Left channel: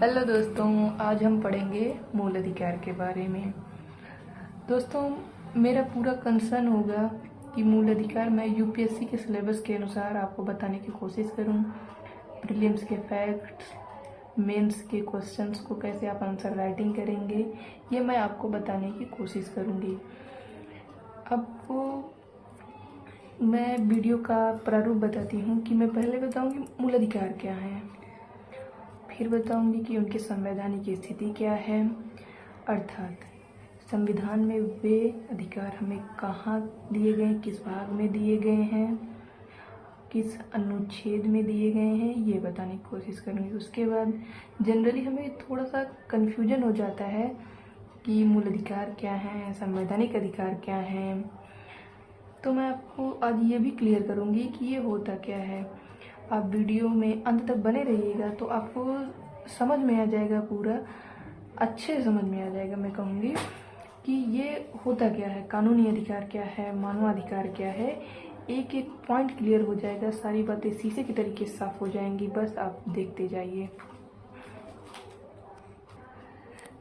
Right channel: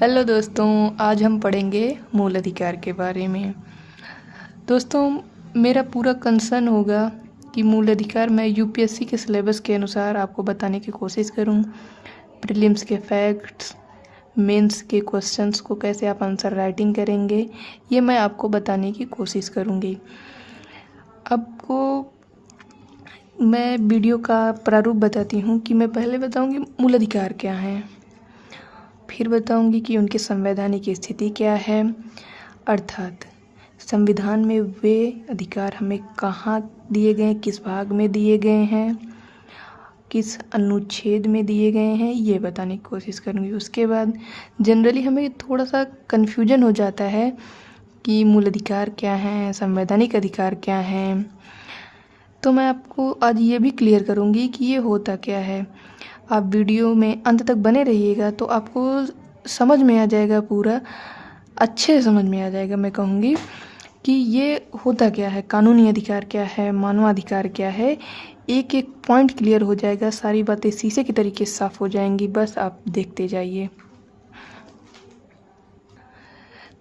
Hello दोस्तों, आज हम पढ़ेंगे मूल अधिकार के बारे में। दोस्तों, मेरा पूरा कंसर्न होगा कि मूल अधिकार मैं यूपीएससी के सिलेबस के अनुसार आपको बताने की कोशिश करूं। प्रीलिम्स के फैक्ट्स, मेंस के क्वेश्चंस को कैसे आप आंसर राइटिंग करेंगे, ये मैं आपको बताने की कोशिश करूंगी। आपको मैं वीडियो का प्रारूप बताती हूँ कि मैं पहले बताऊँगी मूल अधिकार क्या हैं, फिर बताऊंगी कि उनकी संवैधानिक स्थिति क्या है, अर्थात संविधान में वे अधिकार हमें कहाँ दिए गए हैं, किस भाग में दिए गए हैं, किस अनुच्छेद में दिए गए हैं, ये बताने की कोशिश करूँगी। उसके बाद जनरली हमें थोड़ा सा कन्फ्यूजन हो जाता है कि मूल अधिकार क्या हैं, संवैधानिक अधिकार क्या हैं, तो मैं आपको आज ये भी क्लियर करूँगी कि ये होता क्या है। आप वीडियो में अंत तक बने रहिएगा तो आपको समझ में आ जाएगा, पूरा अच्छे से समझ में आ जाएगा। मैं कहूँगी कि ये होता क्या है, कानूनी अधिकार क्या है, मानवाधिकार क्या है, एक एक पॉइंट क्लियर हो जाएगा, सारी बातें शीशे की तरीके से साफ हो जाएंगी, बस आप देखते जाइए।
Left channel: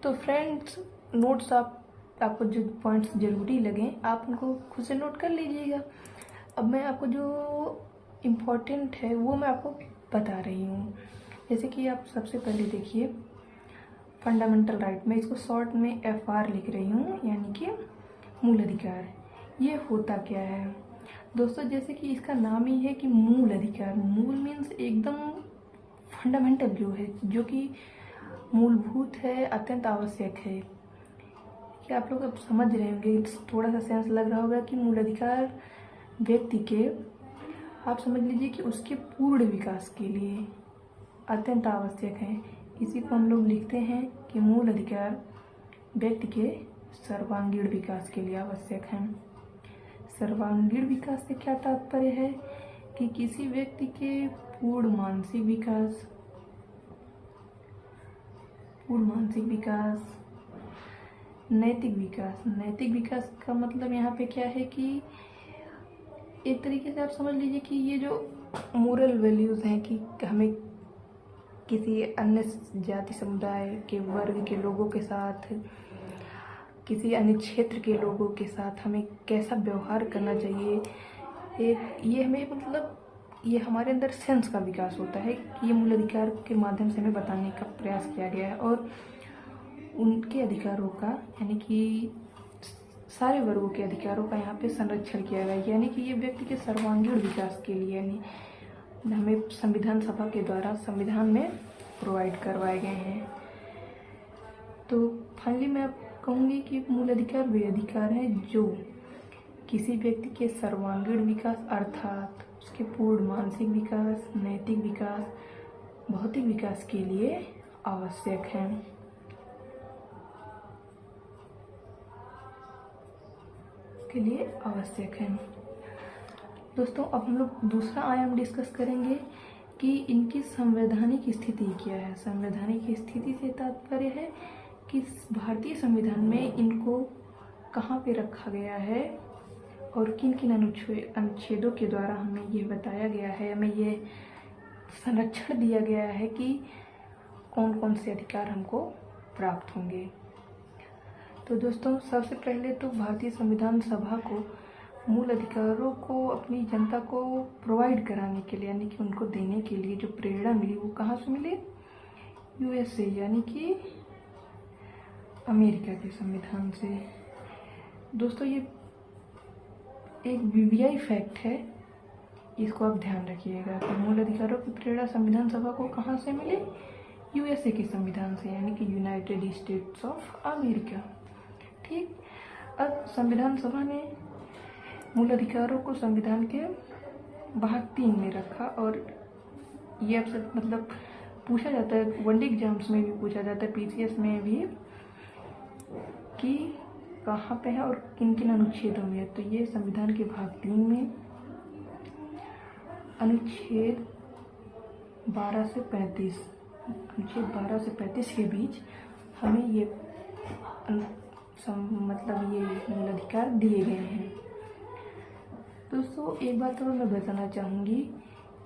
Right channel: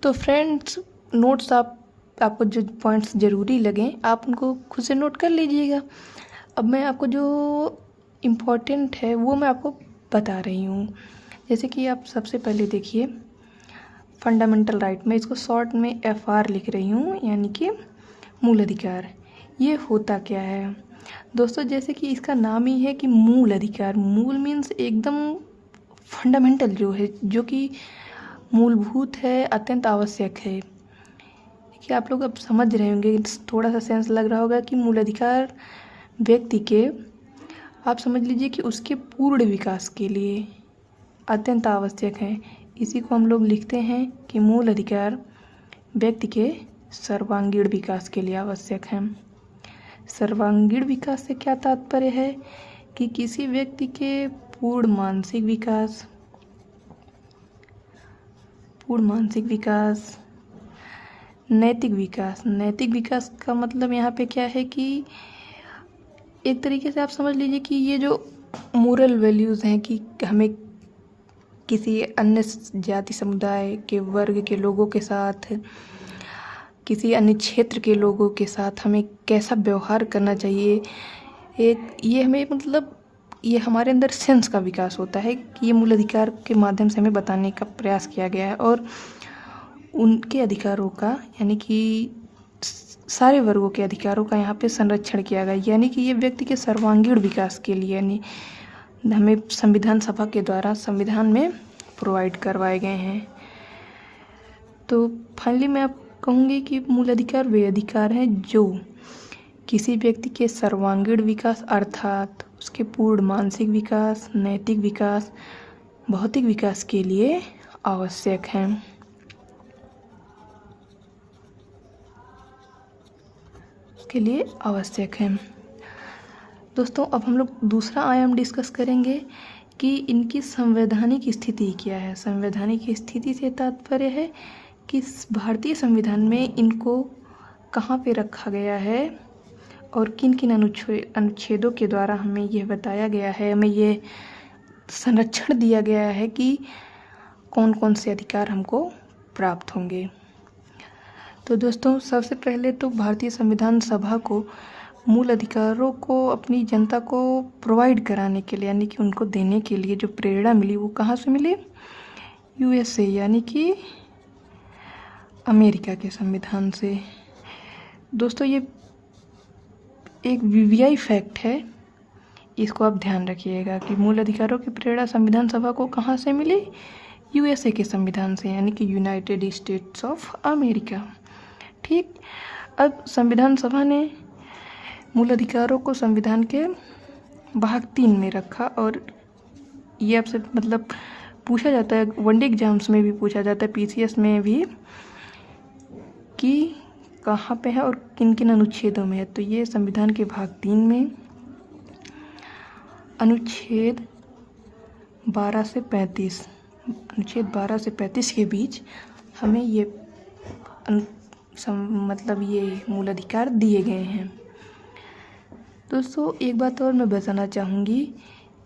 तो फ्रेंड्स, नोट्स आपको जो पॉइंट्स ज़रूरी लगें आप उनको खुद से नोट कर लीजिएगा। अब मैं आपको जो इम्पोर्टेंट है वो मैं आपको बता रही हूँ। जैसे कि आप सबसे पहले देखिए फंडामेंटल राइट, मैं इसको शॉर्ट में FR लिख रही हूँ, यानी कि मूल अधिकार। ये होता क्या है दोस्तों, जैसे कि इसका नाम ही है कि मूल अधिकार। मूल मीन्स एकदम फंडामेंटल, जो है, जो कि मूलभूत है, अत्यंत आवश्यक है। कि आप लोग अब समझ रहे होंगे, थोड़ा सा सेंस लग रहा होगा कि मूल अधिकार व्यक्ति के, आप समझ लीजिए कि उसके पूर्ण विकास के लिए अत्यंत आवश्यक है। इसी को हम लोग लिखते हैं कि मूल अधिकार व्यक्ति के सर्वांगीण विकास के लिए आवश्यक है। सर्वांगीण विकास से क्या तात्पर्य है कि किसी व्यक्ति के पूर्ण मानसिक विकास, नैतिक विकास। नैतिक विकास का मतलब यहाँ पे क्या है कि एक तरीके से आप समझ लीजिए कि ये जो मोरल वैल्यूज़ हैं कि हमें किसी अन्य जाति समुदाय के वर्ग के लोगों के साथ, किसी अन्य क्षेत्र के लोगों के साथ हमें कैसा व्यवहार करना चाहिए, एक ये हमें मतलब ये हमारे अंदर सेंस का विकास होता है कि ये मूल अधिकार के माध्यम से हमें बताने का प्रयास किया गया है। और उनके अधिकारों का, यानी कि सारे वर्गों के अधिकारों का यहाँ पे संरक्षण किया गया, यानी कि ये व्यक्ति के सर्वांगीण विकास के लिए यानी हमें संविधान सभा के द्वारा संविधान में प्रोवाइड करवाए गए हैं। तो फाइनली मैं आप कहूँगी कि मूल अधिकार वे अधिकार हैं जो किसी व्यक्ति के सर्वांगीण विकास, अर्थात उसके पूर्ण मानसिक विकास, नैतिक विकास, भौतिक विकास के लिए आवश्यक हैं। के लिए आवश्यक है। दोस्तों, अब हम लोग दूसरा आयाम डिस्कस करेंगे कि इनकी संवैधानिक स्थिति क्या है। संवैधानिक स्थिति से तात्पर्य है कि भारतीय संविधान में इनको कहाँ पे रखा गया है और किन किन अनुच्छेदों के द्वारा हमें यह बताया गया है, हमें ये संरक्षण दिया गया है कि कौन कौन से अधिकार हमको प्राप्त होंगे। तो दोस्तों, सबसे पहले तो भारतीय संविधान सभा को मूल अधिकारों को अपनी जनता को प्रोवाइड कराने के लिए, यानी कि उनको देने के लिए जो प्रेरणा मिली वो कहाँ से मिली? USA, यानी कि अमेरिका के संविधान से। दोस्तों, ये एक VVI फैक्ट है, इसको आप ध्यान रखिएगा कि मूल अधिकारों की प्रेरणा संविधान सभा को कहाँ से मिली? USA के संविधान से, यानी कि यूनाइटेड स्टेट्स ऑफ अमेरिका। ठीक, अब संविधान सभा ने मूल अधिकारों को संविधान के भाग 3 में रखा, और ये आपसे मतलब पूछा जाता है, वनडे एग्जाम्स में भी पूछा जाता है, PCS में भी, कि कहाँ पे है और किन किन अनुच्छेदों में है। तो ये संविधान के भाग 3 में अनुच्छेद 12 से 35 के बीच हमें ये मतलब ये मूल अधिकार दिए गए हैं। दोस्तों, एक बात और मैं बताना चाहूँगी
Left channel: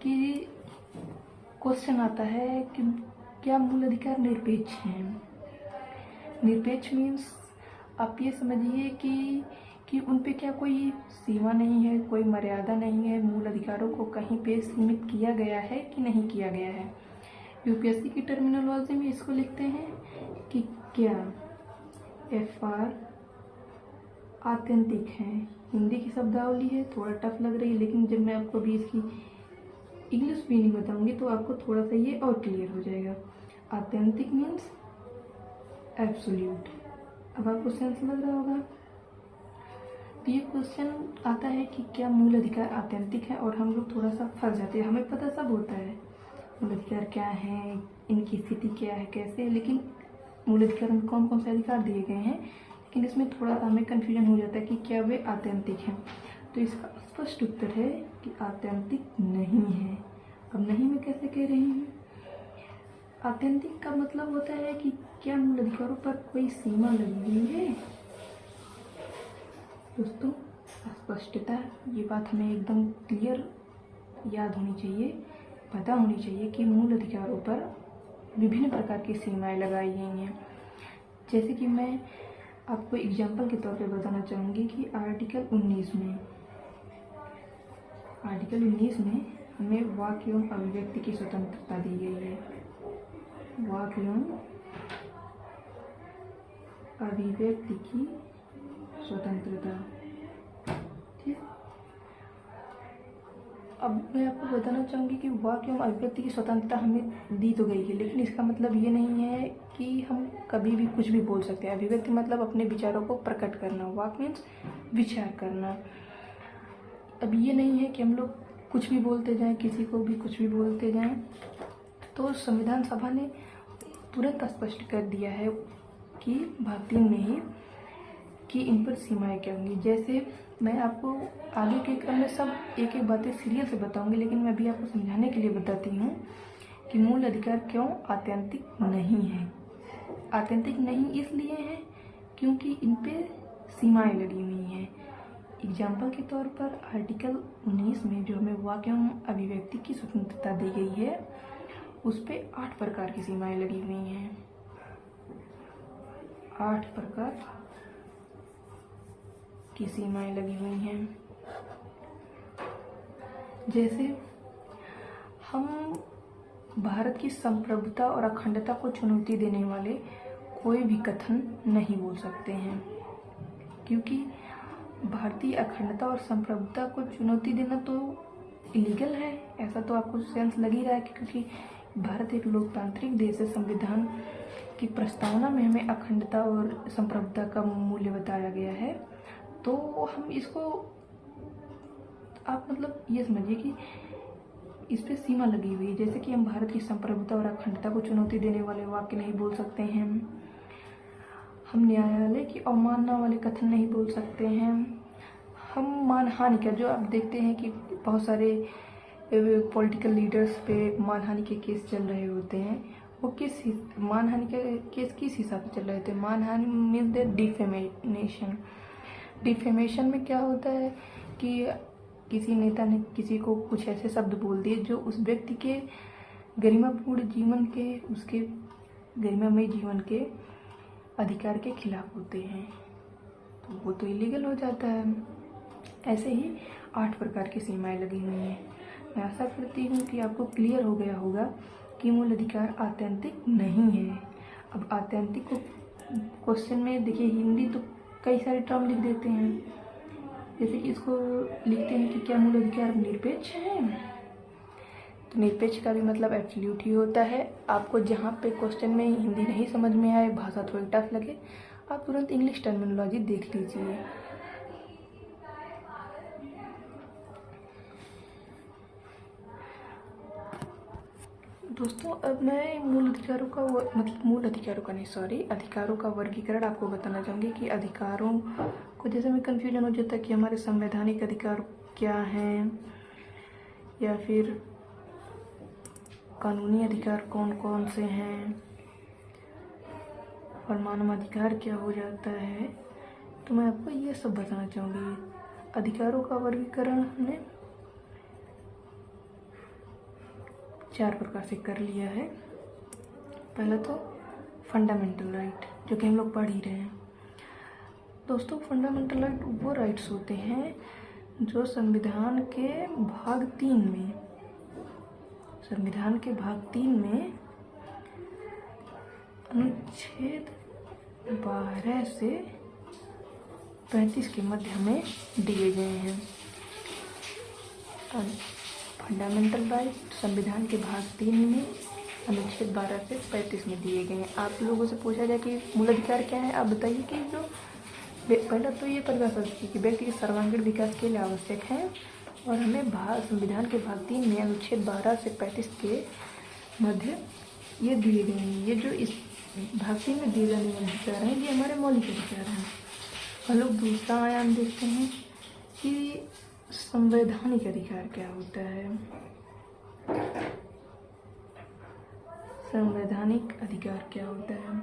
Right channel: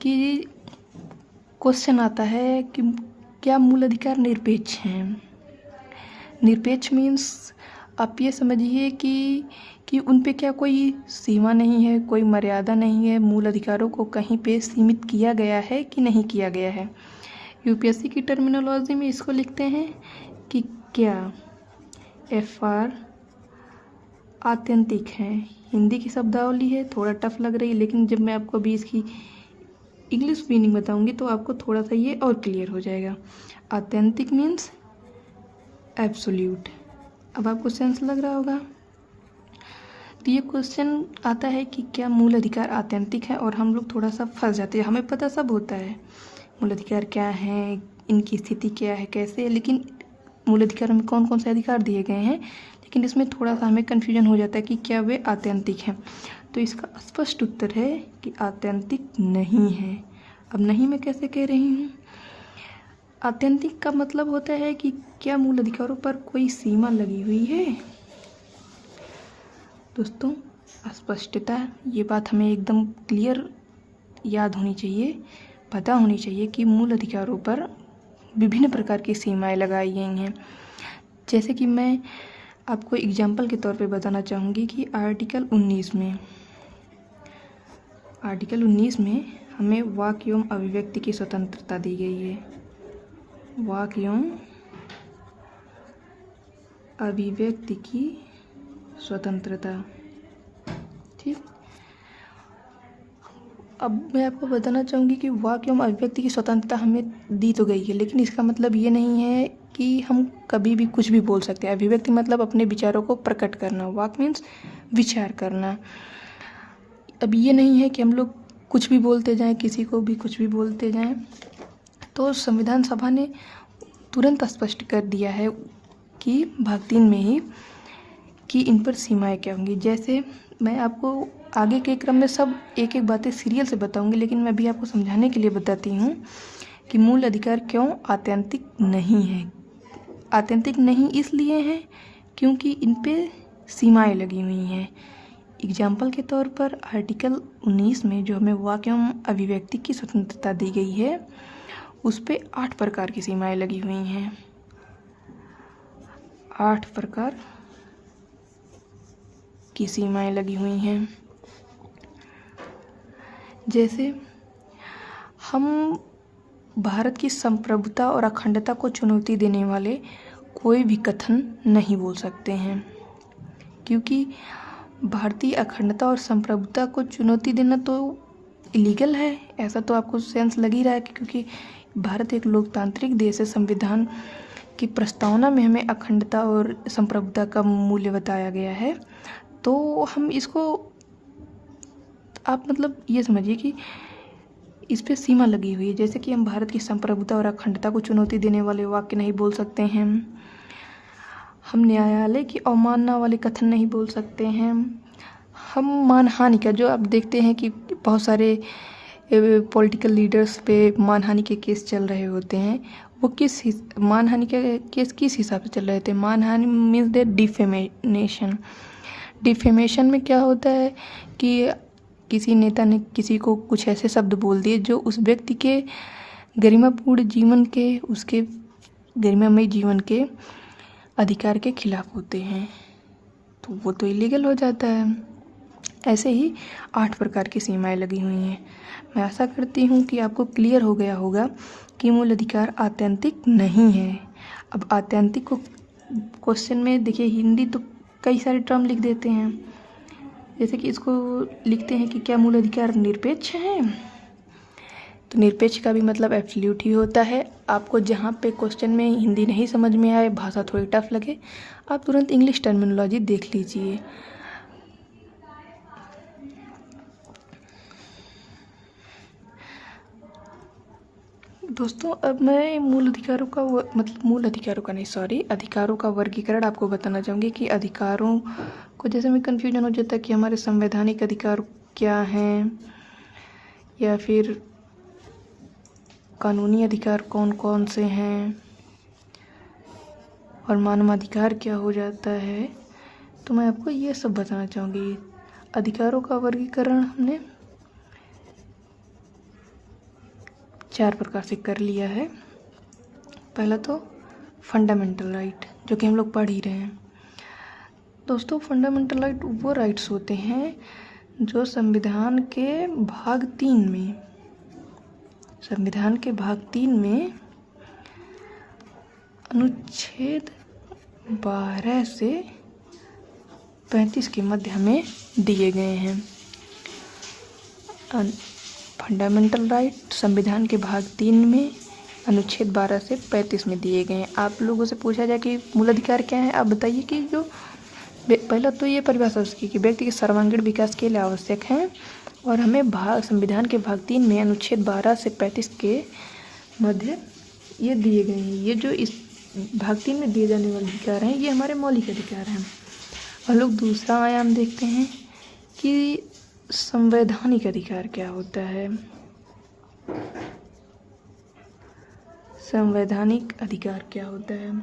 कि क्वेश्चन आता है कि क्या मूल अधिकार निरपेक्ष हैं? निरपेक्ष मीन्स आप ये समझिए कि उन पे क्या कोई सीमा नहीं है, कोई मर्यादा नहीं है, मूल अधिकारों को कहीं पे सीमित किया गया है कि नहीं किया गया है। यूपीएससी की टर्मिनोलॉजी में इसको लिखते हैं कि क्या FR आत्यंतिक है। हिंदी की शब्दावली है, थोड़ा टफ लग रही है, लेकिन जब मैं आपको अभी इसकी इंग्लिश मीनिंग बताऊंगी तो आपको थोड़ा सा ये और क्लियर हो जाएगा। आत्यंतिक मीन्स एब्सोल्यूट। अब आपको सेंस लग रहा होगा। तो ये क्वेश्चन आता है कि क्या मूल अधिकार आत्यंतिक है, और हम लोग थोड़ा सा फंस जाते हैं। हमें पता सब होता है मूल अधिकार क्या है, इनकी स्थिति क्या है, कैसे है, लेकिन मूल अधिकार में कौन कौन से अधिकार दिए गए हैं, लेकिन इसमें थोड़ा सा हमें कन्फ्यूजन हो जाता है कि क्या वे आत्यंतिक हैं। तो इसका स्पष्ट उत्तर है कि आत्यंतिक नहीं है। अब नहीं मैं कैसे कह रही हूँ? आत्यंतिक का मतलब होता है कि क्या मूल अधिकारों पर कोई सीमा लगी हुई है। दोस्तों, स्पष्टता, ये बात हमें एकदम क्लियर याद होनी चाहिए, पता होनी चाहिए कि मूल अधिकारों पर विभिन्न प्रकार की सीमाएं लगाई गई हैं। जैसे कि मैं आपको एग्जाम्पल के तौर पे बताना चाहूँगी कि आर्टिकल 19 में हमें वाक एवं अभिव्यक्ति की स्वतंत्रता दी गई है। वाक एवं अभिव्यक्ति की स्वतंत्रता, ठीक। अब मैं आपको बताना चाहूँगी कि वाक एवं अभिव्यक्ति की स्वतंत्रता हमें दी तो गई है, लेकिन इसका मतलब ये नहीं है कि हम कभी भी कुछ भी बोल सकते हैं। अभिव्यक्ति मतलब अपने विचारों को प्रकट करना, वाक मीन्स विचार करना। अब ये नहीं है कि हम लोग कुछ भी बोलते जाएं, किसी को भी कुछ भी बोलते जाएं। तो संविधान सभा ने तुरंत स्पष्ट कर दिया है कि भाग 3 में ही कि इन पर सीमाएं क्या होंगी। जैसे मैं आपको आगे के क्रम में सब एक एक बातें सीरियल से बताऊंगी, लेकिन मैं भी आपको समझाने के लिए बताती हूँ कि मूल अधिकार क्यों आत्यंतिक नहीं है। आत्यंतिक नहीं इसलिए हैं क्योंकि इन पे सीमाएं लगी हुई हैं। एग्जाम्पल के तौर पर आर्टिकल 19 में जो हमें वाक एवं अभिव्यक्ति की स्वतंत्रता दी गई है, उस पे 8 प्रकार की सीमाएं लगी हुई हैं। 8 प्रकार की सीमाएं लगी हुई हैं। जैसे हम भारत की संप्रभुता और अखंडता को चुनौती देने वाले कोई भी कथन नहीं बोल सकते हैं, क्योंकि भारतीय अखंडता और संप्रभुता को चुनौती देना तो इलीगल है। ऐसा तो आपको सेंस लग ही रहा है कि क्योंकि भारत एक लोकतांत्रिक देश है। संविधान की प्रस्तावना में हमें अखंडता और संप्रभुता का मूल्य बताया गया है। तो हम इसको, आप मतलब ये समझिए कि इस पे सीमा लगी हुई है। जैसे कि हम भारत की संप्रभुता और अखंडता को चुनौती देने वाले वाक्य नहीं बोल सकते हैं, हम न्यायालय की अवमानना वाले कथन नहीं बोल सकते हैं, हम मानहानि का, जो आप देखते हैं कि बहुत सारे पॉलिटिकल लीडर्स पे मानहानि के केस चल रहे होते हैं, वो मानहानि के केस किस हिसाब से चल रहे थे। मानहानि मीन्स द डिफेमेशन। डिफेमेशन में क्या होता है कि किसी नेता ने किसी को कुछ ऐसे शब्द बोल दिए जो उस व्यक्ति के गरिमापूर्ण जीवन के, उसके गरिमामय जीवन के अधिकार के खिलाफ होते हैं, तो वो तो इलीगल हो जाता है। ऐसे ही 8 प्रकार की सीमाएं लगी हुई हैं। मैं आशा करती हूँ कि आपको क्लियर हो गया होगा कि मूल अधिकार आत्यंतिक नहीं है। अब आत्यंतिक को क्वेश्चन में देखिए, हिंदी तो कई सारे टर्म लिख देते हैं। जैसे कि इसको लिखते हैं कि क्या मूल अधिकार निरपेक्ष है, तो निरपेक्ष का भी मतलब एब्सोल्यूट ही होता है। आपको जहाँ पे क्वेश्चन में हिंदी नहीं समझ में आए, भाषा थोड़ी टफ लगे, आप तुरंत इंग्लिश टर्मिनोलॉजी देख लीजिए। दोस्तों, अब मैं अधिकारों का वर्गीकरण आपको बताना चाहूँगी कि अधिकारों को, जैसे में कन्फ्यूजन हो जाता है कि हमारे संवैधानिक अधिकार क्या हैं या फिर कानूनी अधिकार कौन कौन से हैं और मानवाधिकार क्या हो जाता है, तो मैं आपको ये सब बताना चाहूँगी। अधिकारों का वर्गीकरण हमने 4 प्रकार से कर लिया है। पहला तो फंडामेंटल राइट, जो कि हम लोग पढ़ ही रहे हैं। दोस्तों, फंडामेंटल राइट वो राइट्स होते हैं जो संविधान के भाग 3 में, संविधान के भाग 3 में अनुच्छेद 12 से 35 के मध्य हमें दिए गए हैं। फंडामेंटल राइट संविधान के भाग 3 में अनुच्छेद 12 से 35 में दिए गए हैं। आप लोगों से पूछा जाए कि मूल अधिकार क्या है, आप बताइए कि जो पहला तो ये परिभाषा उसकी कि व्यक्ति के सर्वांगीण विकास के लिए आवश्यक है, और हमें संविधान के भाग 3 में अनुच्छेद 12 से 35 के मध्य ये दिए गए हैं। ये जो इस भाग 3 में दिए जाने वाले अधिकार हैं, ये हमारे मौलिक अधिकार हैं। हम लोग दूसरा आयाम देखते हैं कि संवैधानिक अधिकार क्या होता है। संवैधानिक अधिकार क्या होता है?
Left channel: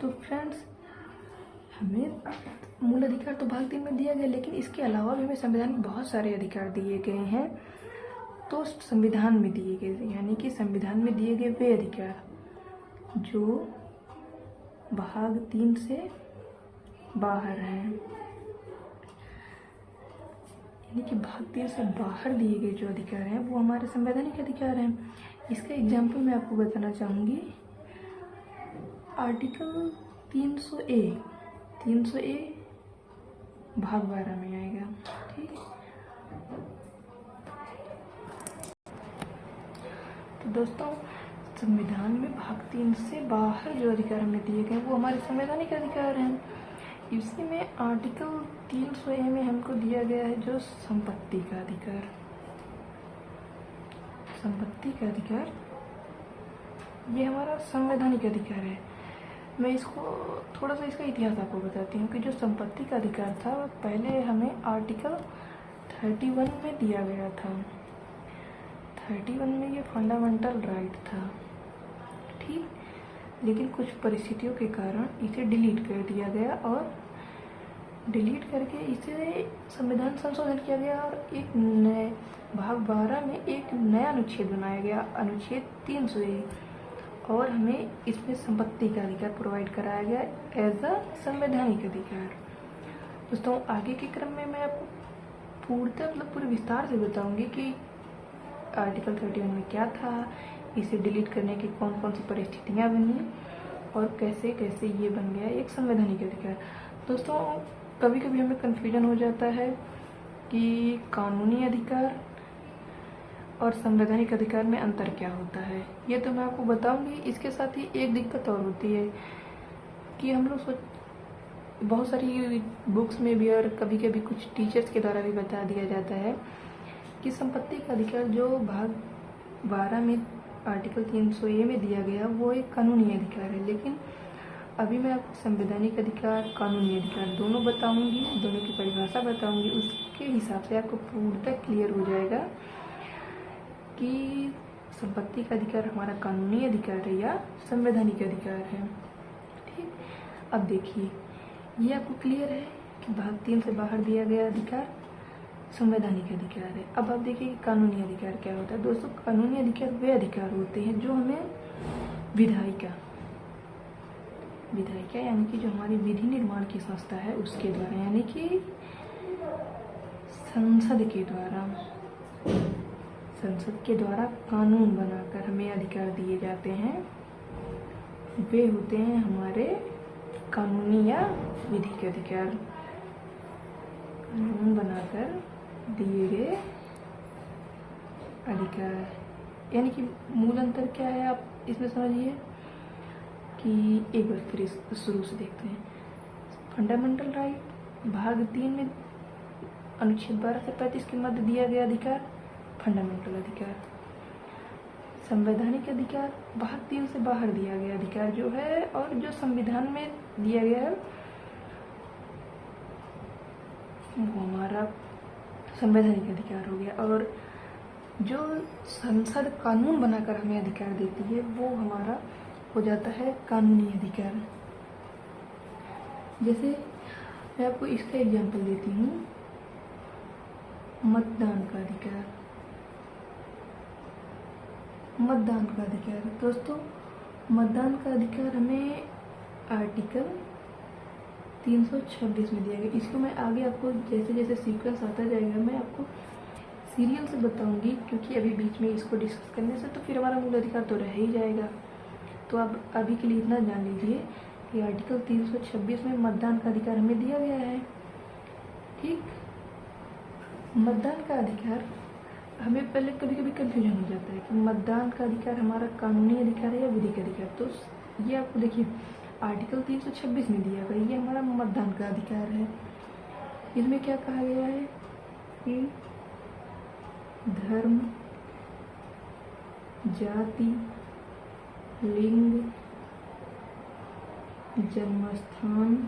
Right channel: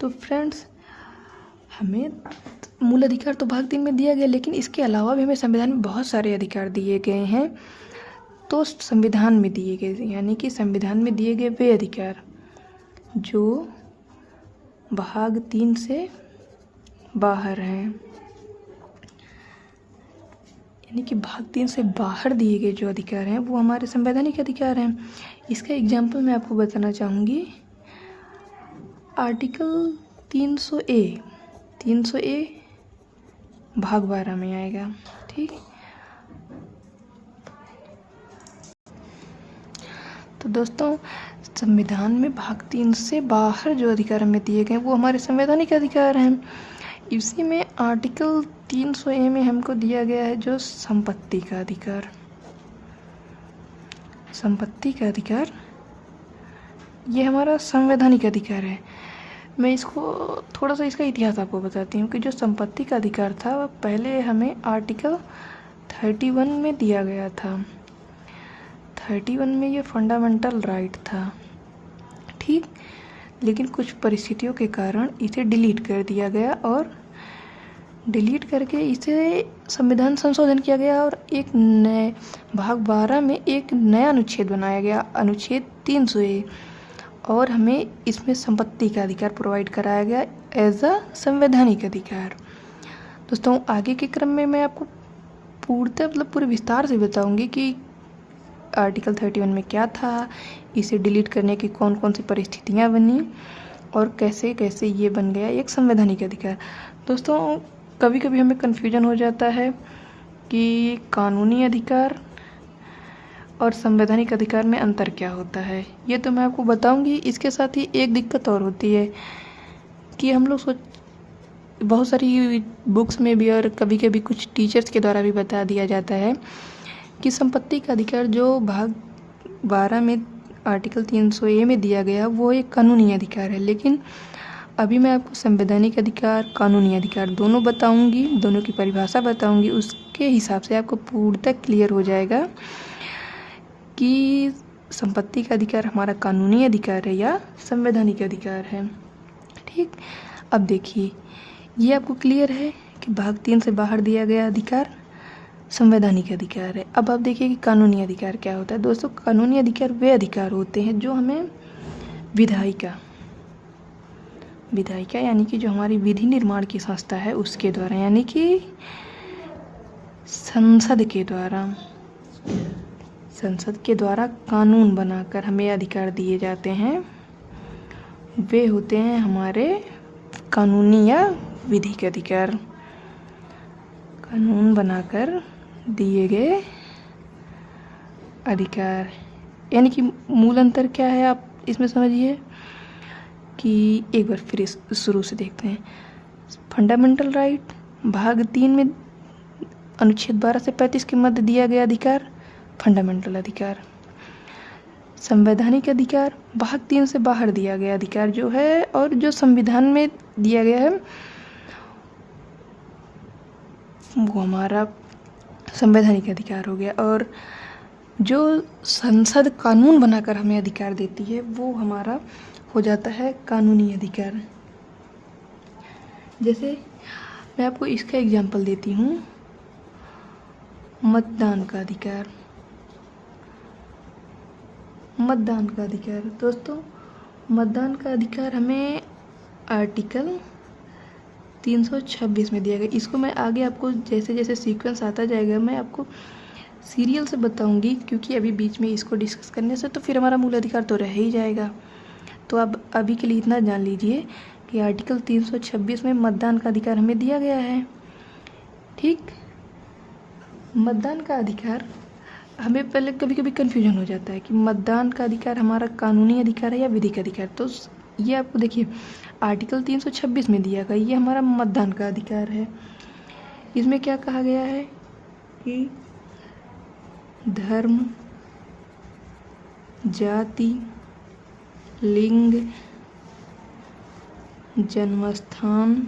तो फ्रेंड्स, हमें मूल अधिकार तो भाग 3 में दिया गया, लेकिन इसके अलावा भी हमें संविधान में बहुत सारे अधिकार दिए गए हैं। तो संविधान में दिए गए, यानी कि संविधान में दिए गए वे अधिकार जो भाग 3 से बाहर हैं, यानी कि भाग 3 से बाहर दिए गए जो अधिकार हैं वो हमारे संवैधानिक अधिकार हैं। इसका एग्जाम्पल मैं आपको बताना चाहूँगी। आर्टिकल 300A भाग 12 में आएगा। ठीक, तो दोस्तों, संविधान में भाग 3 से बाहर जो अधिकार हमें दिए गए वो हमारे संवैधानिक अधिकार हैं। इसी में आर्टिकल 300A में हमको दिया गया है जो संपत्ति का अधिकार। संपत्ति का अधिकार ये हमारा संवैधानिक अधिकार है। मैं इसको थोड़ा सा इसका इतिहास आपको बताती हूँ कि जो संपत्ति का अधिकार था पहले हमें आर्टिकल 31 में दिया गया था। 31 में ये फंडामेंटल राइट था, ठीक, लेकिन कुछ परिस्थितियों के कारण इसे डिलीट कर दिया गया और डिलीट करके इसे संविधान संशोधन किया गया और एक नए भाग 12 में एक नया अनुच्छेद बनाया गया, अनुच्छेद 300A, और हमें इसमें संपत्ति का अधिकार प्रोवाइड कराया गया एज अ संवैधानिक अधिकार। दोस्तों, आगे के क्रम में मैं आपको पूरे विस्तार से बताऊंगी कि आर्टिकल 31 में क्या था, इसे डिलीट करने की कौन कौन सी परिस्थितियाँ बनी और कैसे कैसे ये बन गया एक संवैधानिक अधिकार। दोस्तों, कभी कभी हमें कन्फ्यूजन हो जाता है कि कानूनी अधिकार और संवैधानिक अधिकार में अंतर क्या होता है। ये तो मैं आपको बताऊंगी। इसके साथ ही एक दिक्कत और होती है कि हम लोग बहुत सारी बुक्स में भी और कभी कभी कुछ टीचर्स के द्वारा भी बता दिया जाता है कि संपत्ति का अधिकार जो भाग 12 में आर्टिकल 300A में दिया गया वो एक कानूनी अधिकार है, लेकिन अभी मैं आपको संवैधानिक अधिकार, कानूनी अधिकार दोनों बताऊंगी, दोनों की परिभाषा बताऊंगी। उसके हिसाब से आपको पूर्णतः क्लियर हो जाएगा कि संपत्ति का अधिकार हमारा कानूनी अधिकार है या संवैधानिक अधिकार है। ठीक, अब देखिए, ये आपको क्लियर है कि भाग 3 से बाहर दिया गया अधिकार संवैधानिक अधिकार है। अब आप देखिए कि कानूनी अधिकार क्या होता है। दोस्तों, कानूनी अधिकार वे अधिकार होते हैं जो हमें विधायिका यानी कि जो हमारी विधि निर्माण की संस्था है उसके द्वारा, यानी कि संसद के द्वारा कानून बनाकर हमें अधिकार दिए जाते हैं, वे होते हैं हमारे कानूनी या विधिक अधिकार। कानून बनाकर दिए गए अधिकार, यानी कि मूल अंतर क्या है आप इसमें समझिए कि एक बार फिर शुरू से देखते हैं। फंडामेंटल राइट भाग 3 में अनुच्छेद 12 से 35 के मध्य दिया गया अधिकार फंडामेंटल अधिकार। संवैधानिक अधिकार भाग 3 से बाहर दिया गया अधिकार जो है, और जो संविधान में दिया गया है वो हमारा संवैधानिक अधिकार हो गया, और जो संसद कानून बनाकर हमें अधिकार देती है वो हमारा हो जाता है कानूनी अधिकार। जैसे मैं आपको इसका एग्जांपल देती हूँ, मतदान का अधिकार। दोस्तों, मतदान का अधिकार हमें आर्टिकल 326 में दिया गया। इसको मैं आगे आपको जैसे जैसे सीक्वेंस आता जाएगा मैं आपको सीरियल से बताऊंगी, क्योंकि अभी बीच में इसको डिस्कस करने से तो फिर हमारा मूल अधिकार तो रह ही जाएगा। तो अब अभी के लिए इतना जान लीजिए कि आर्टिकल 326 में मतदान का अधिकार हमें दिया गया है। ठीक, मतदान का अधिकार हमें पहले कभी कभी कन्फ्यूजन हो जाता है कि मतदान का अधिकार हमारा कानूनी अधिकार है या विधिक अधिकार। तो ये आपको देखिए आर्टिकल 326 में दिया गया, ये हमारा मतदान का अधिकार है। इसमें क्या कहा गया है कि धर्म, जाति, लिंग, जन्मस्थान,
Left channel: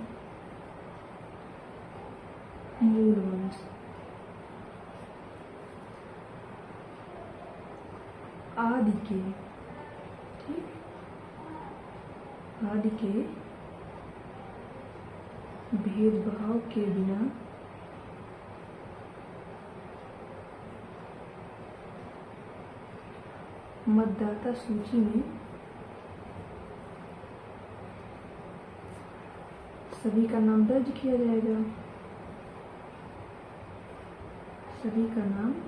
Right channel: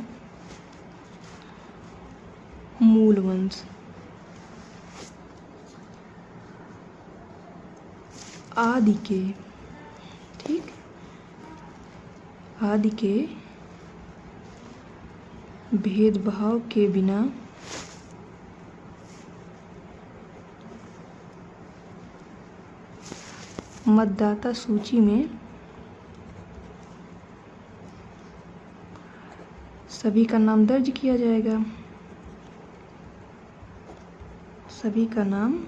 मूल वंश आदि के, ठीक, आदि के भेदभाव के बिना मतदाता सूची में सभी का नाम दर्ज किया जाएगा। सभी का नाम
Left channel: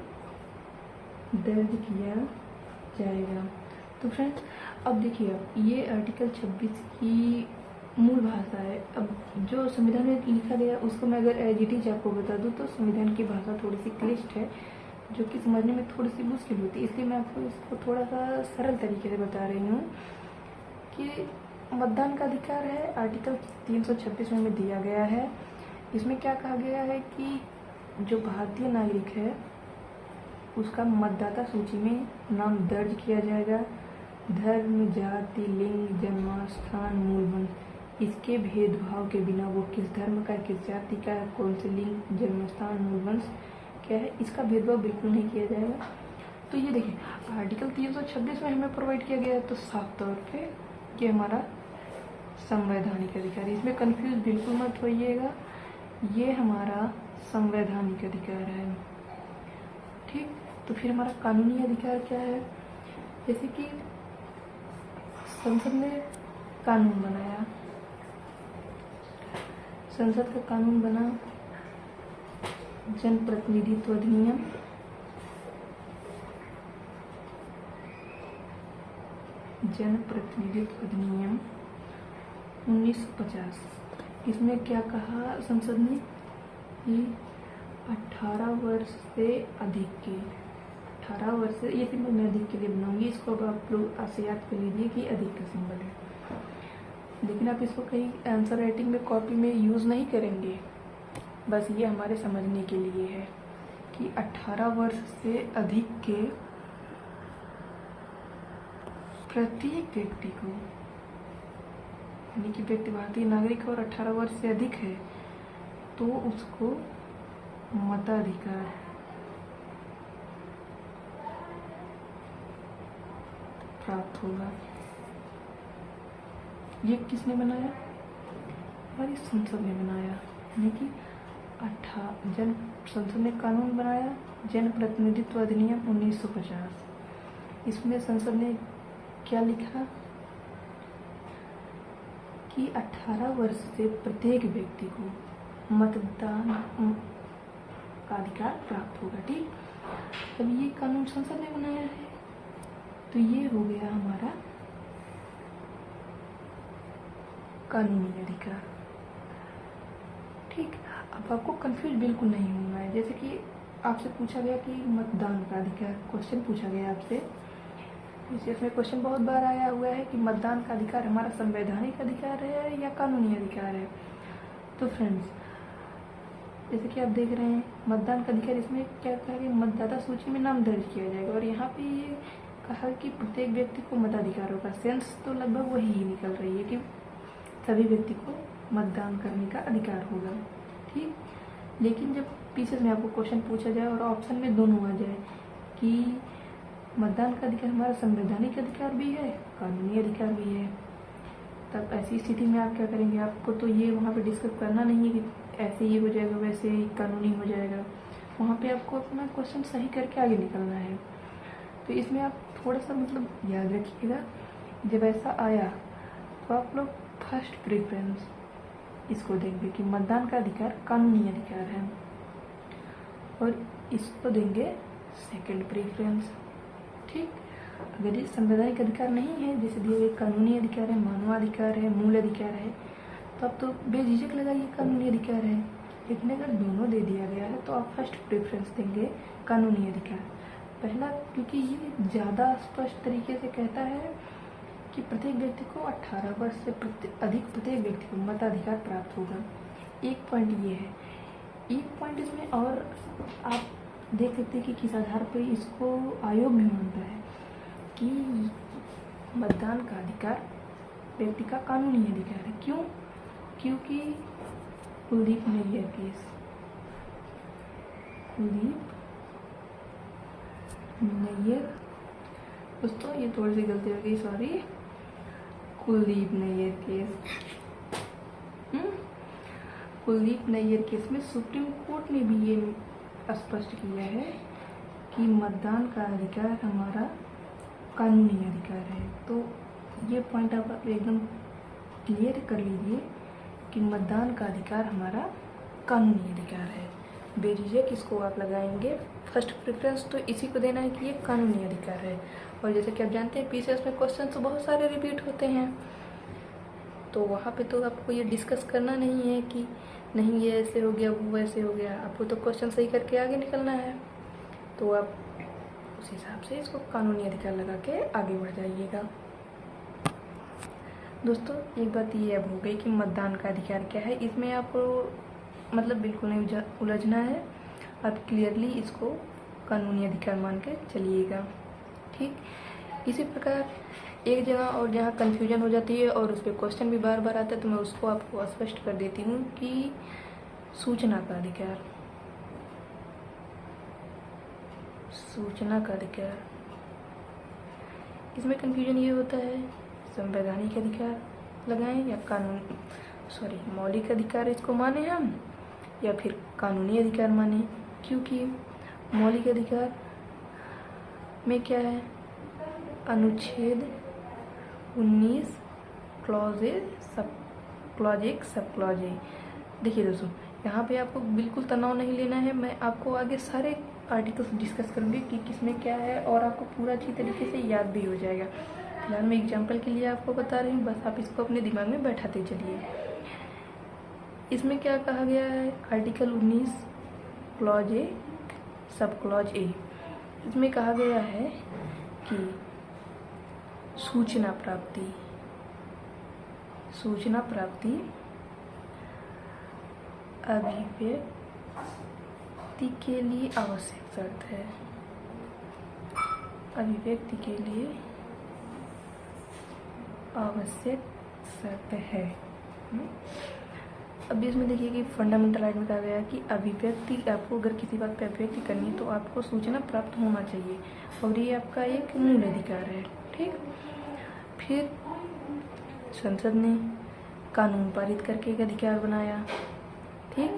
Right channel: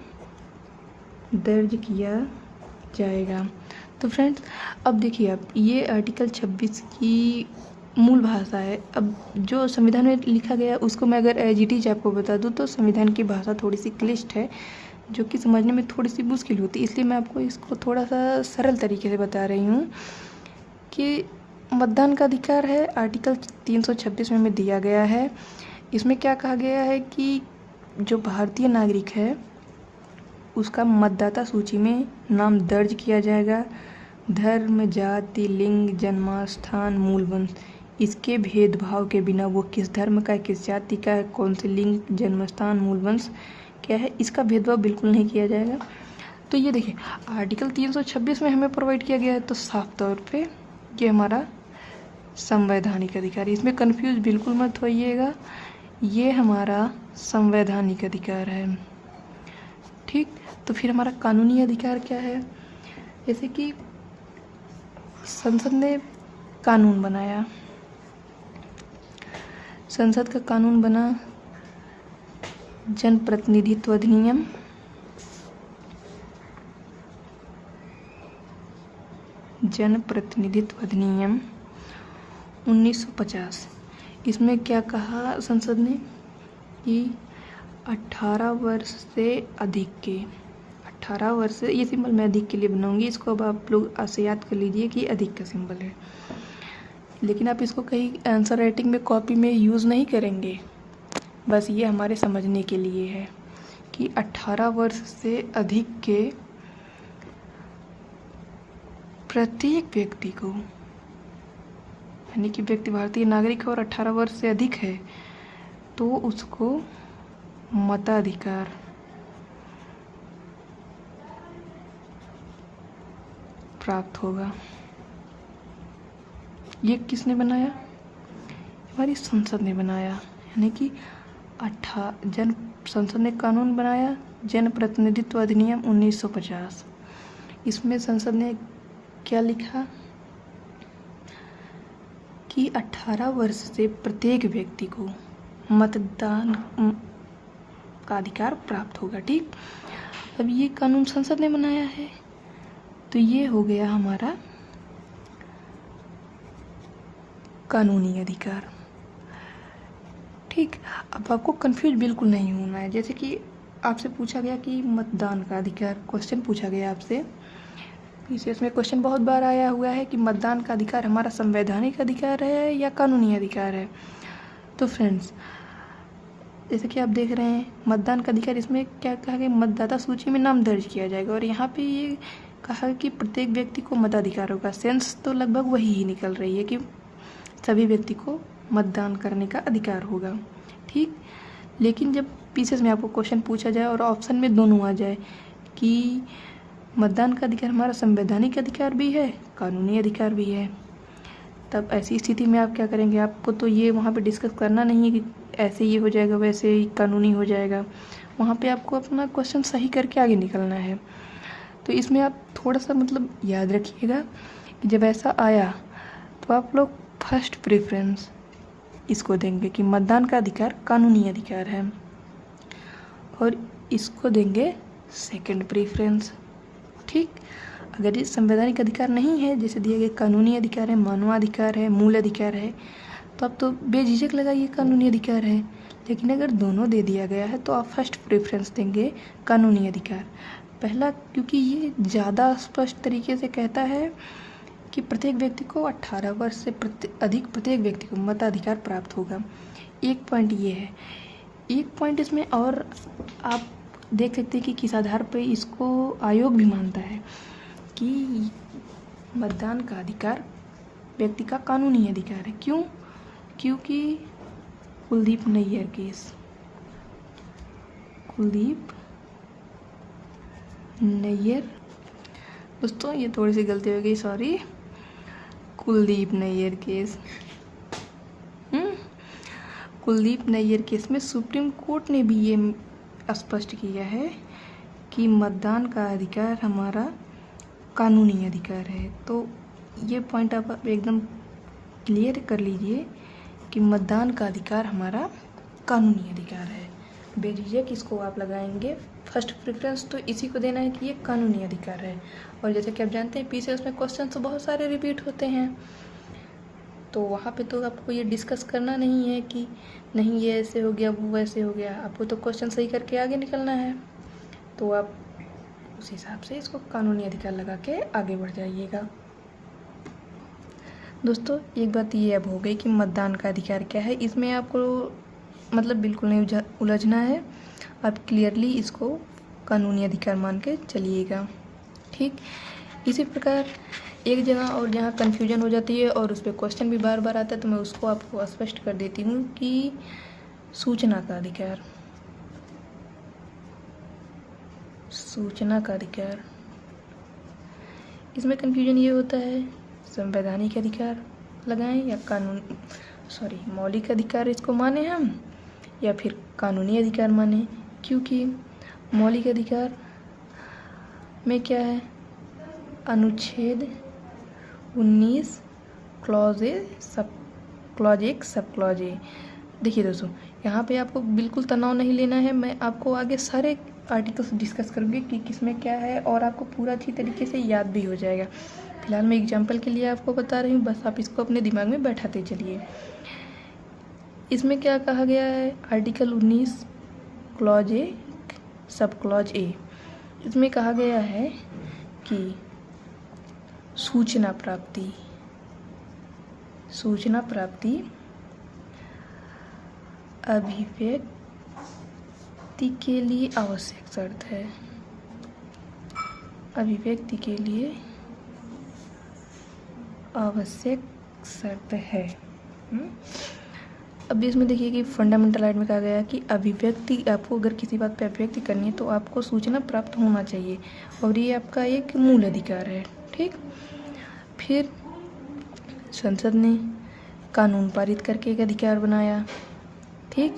दर्ज किया जाएगा। तो फ्रेंड्स अब देखिए आप ये आर्टिकल 26 की मूल भाषा है। अब जो संविधान में लिखा गया उसको मैं अगर एज इट इज आपको बता दूं तो संविधान की भाषा थोड़ी सी क्लिष्ट है, जो कि समझने में थोड़ी सी मुश्किल होती है, इसलिए मैं आपको इसको थोड़ा सा सरल तरीके से बता रही हूँ कि मतदान का अधिकार है आर्टिकल 326 में दिया गया है। इसमें क्या कहा गया है कि जो भारतीय नागरिक है उसका मतदाता सूची में नाम दर्ज किया जाएगा। धर्म, जाति, लिंग, जन्मस्थान, मूल वंश, इसके भेदभाव के बिना वो किस धर्म का है, किस जाति का है, कौन से लिंग, जन्मस्थान, मूल वंश क्या है, इसका भेदभाव बिल्कुल नहीं किया जाएगा। तो ये देखिए आर्टिकल 326 में हमें प्रोवाइड किया गया है, तो साफ तौर पे ये हमारा संवैधानिक अधिकार है। इसमें कंफ्यूज बिल्कुल मत होइएगा, ये हमारा संवैधानिक अधिकार है। ठीक, तो फिर हमारा कानूनी अधिकार क्या है? जैसे कि संसद ने कानून बनाया, संसद का कानून बना जनप्रतिनिधित्व अधिनियम, जनप्रतिनिधित्व अधिनियम 1950। इसमें क्या कहा संसद ने कि 18 वर्ष से अधिक के, 18 वर्ष से, ये सिंबल मैं अधिक के लिए बनाऊंगी, इसको अब आप लोग ऐसे याद कर लीजिए कि अधिक का सिंबल है, लेकिन आप इसको कहीं आंसर राइटिंग में कॉपी में यूज़ नहीं करेंगे, बस ये हमारे समझने के लिए है कि 18 वर्ष से अधिक के प्रत्येक व्यक्ति को, यानी कि व्यक्ति भारतीय नागरिक है और 18 वर्ष से अधिक है तो उसको मताधिकार प्राप्त होगा। ये किसने बनाया? हमारी संसद ने बनाया, यानी कि संसद ने कानून बनाया जनप्रतिनिधित्व अधिनियम 1950। इसमें संसद ने क्या लिखा कि 18 वर्ष से प्रत्येक व्यक्ति को मतदान का अधिकार प्राप्त होगा। ठीक, अब ये कानून संसद ने बनाया है, तो ये हो गया हमारा कानूनी अधिकार। ठीक, अब आपको कंफ्यूज बिल्कुल नहीं होना है। जैसे कि आपसे पूछा गया कि मतदान का अधिकार, क्वेश्चन पूछा गया आपसे, इसमें क्वेश्चन बहुत बार आया हुआ है कि मतदान का अधिकार हमारा संवैधानिक अधिकार है या कानूनी अधिकार है। तो फ्रेंड्स जैसे कि आप देख रहे हैं मतदान का अधिकार, इसमें क्या कहा गया, मतदाता सूची में नाम दर्ज किया जाएगा, और यहाँ पे ये कहा कि प्रत्येक व्यक्ति को मताधिकार होगा। सेंस तो लगभग वही ही निकल रही है कि सभी व्यक्ति को मतदान करने का अधिकार होगा। ठीक, लेकिन जब पीसेस में आपको क्वेश्चन पूछा जाए और ऑप्शन में दोनों आ जाए कि मतदान का अधिकार हमारा संवैधानिक अधिकार भी है, कानूनी अधिकार भी है, तब ऐसी स्थिति में आप क्या करेंगे? आपको तो ये वहाँ पे डिस्कस करना नहीं है कि ऐसे ये हो जाएगा वैसे ही कानूनी हो जाएगा, वहाँ पे आपको अपना क्वेश्चन सही करके आगे निकलना है। तो इसमें आप थोड़ा सा मतलब याद रखिएगा जब ऐसा आया तो आप लोग फर्स्ट प्रेफरेंस इसको देंगे कि मतदान का अधिकार कानूनी अधिकार है, और इसको देंगे सेकंड प्रेफरेंस। ठीक, अगर ये संवैधानिक अधिकार नहीं है, जैसे दिए गए कानूनी अधिकार है, मानवाधिकार है, मूल अधिकार है, तो आप तो बेझिझक लगाइए कानूनी अधिकार है। लेकिन अगर दोनों दे दिया गया है तो आप फर्स्ट प्रेफरेंस देंगे कानूनी अधिकार। पहला क्योंकि ये ज़्यादा स्पष्ट तरीके से कहता है कि प्रत्येक व्यक्ति को 18 वर्ष से अधिक प्रत्येक व्यक्ति को मताधिकार प्राप्त होगा। एक पॉइंट ये है। एक पॉइंट इसमें और आप देख सकते हैं कि किस आधार पर इसको आयोग भी मानता है कि मतदान का अधिकार व्यक्ति का कानूनी अधिकार है। क्यों? क्योंकि कुलदीप नैयर केस, कुलदीप नैयर, दोस्तों ये थोड़ी सी गलती हो गई, sorry, Kuldip Nayar case, Kuldip Nayar case में सुप्रीम कोर्ट ने भी ये स्पष्ट किया है कि मतदान का अधिकार हमारा कानूनी अधिकार है। तो ये पॉइंट आप एकदम क्लियर कर लीजिए कि मतदान का अधिकार हमारा कानूनी अधिकार है। बेझिझक इसको आप लगाएंगे फर्स्ट प्रेफरेंस, तो इसी को देना है कि ये कानूनी अधिकार है। और जैसे कि आप जानते हैं पीसीएस में क्वेश्चन तो बहुत सारे रिपीट होते हैं, तो वहाँ पे तो आपको ये डिस्कस करना नहीं है कि नहीं ये ऐसे हो गया वो वैसे हो गया, आपको तो क्वेश्चन सही करके आगे निकलना है। तो आप उस हिसाब से इसको कानूनी अधिकार लगा के आगे बढ़ जाइएगा। दोस्तों एक बात ये अब हो गई कि मतदान का अधिकार क्या है, इसमें आपको मतलब बिल्कुल नहीं उलझना है, आप क्लियरली इसको कानूनी अधिकार मान के चलिएगा। ठीक, इसी प्रकार एक जगह और जहाँ कन्फ्यूजन हो जाती है और उस पर क्वेश्चन भी बार बार आता है, तो मैं उसको आपको स्पष्ट कर देती हूँ कि सूचना का अधिकार, सूचना का अधिकार, इसमें कन्फ्यूजन ये होता है संवैधानिक अधिकार लगाएं या मौलिक अधिकार इसको माने हम, या फिर कानूनी अधिकार माने। क्योंकि मौलिक अधिकार में क्या है, अनुच्छेद 19 क्लॉज 1 सब क्लॉज ए। देखिए दोस्तों, यहाँ पे आपको बिल्कुल तनाव नहीं लेना है, मैं आपको आगे सारे आर्टिकल्स डिस्कस करूँगी कि किसमें क्या है, और आपको पूरा अच्छी तरीके से याद भी हो जाएगा। फिलहाल मैं एग्जाम्पल के लिए आपको बता रही हूँ, बस आप इसको अपने दिमाग में बैठाते चलिए। इसमें क्या कहा गया है, article 19 clause A sub clause A, इसमें कहा गया है कि सूचना प्राप्ति अभिव्यक्ति के लिए आवश्यक शर्त है, अभिव्यक्ति के लिए आवश्यक शर्त है। अब इसमें देखिए कि फंडामेंटल राइट में कहा गया है कि अभिव्यक्ति, आपको अगर किसी बात पे अभिव्यक्ति करनी है तो आपको सूचना प्राप्त होना चाहिए, और ये आपका एक मूल अधिकार है। ठीक, फिर संसद ने कानून पारित करके एक अधिकार बनाया। ठीक,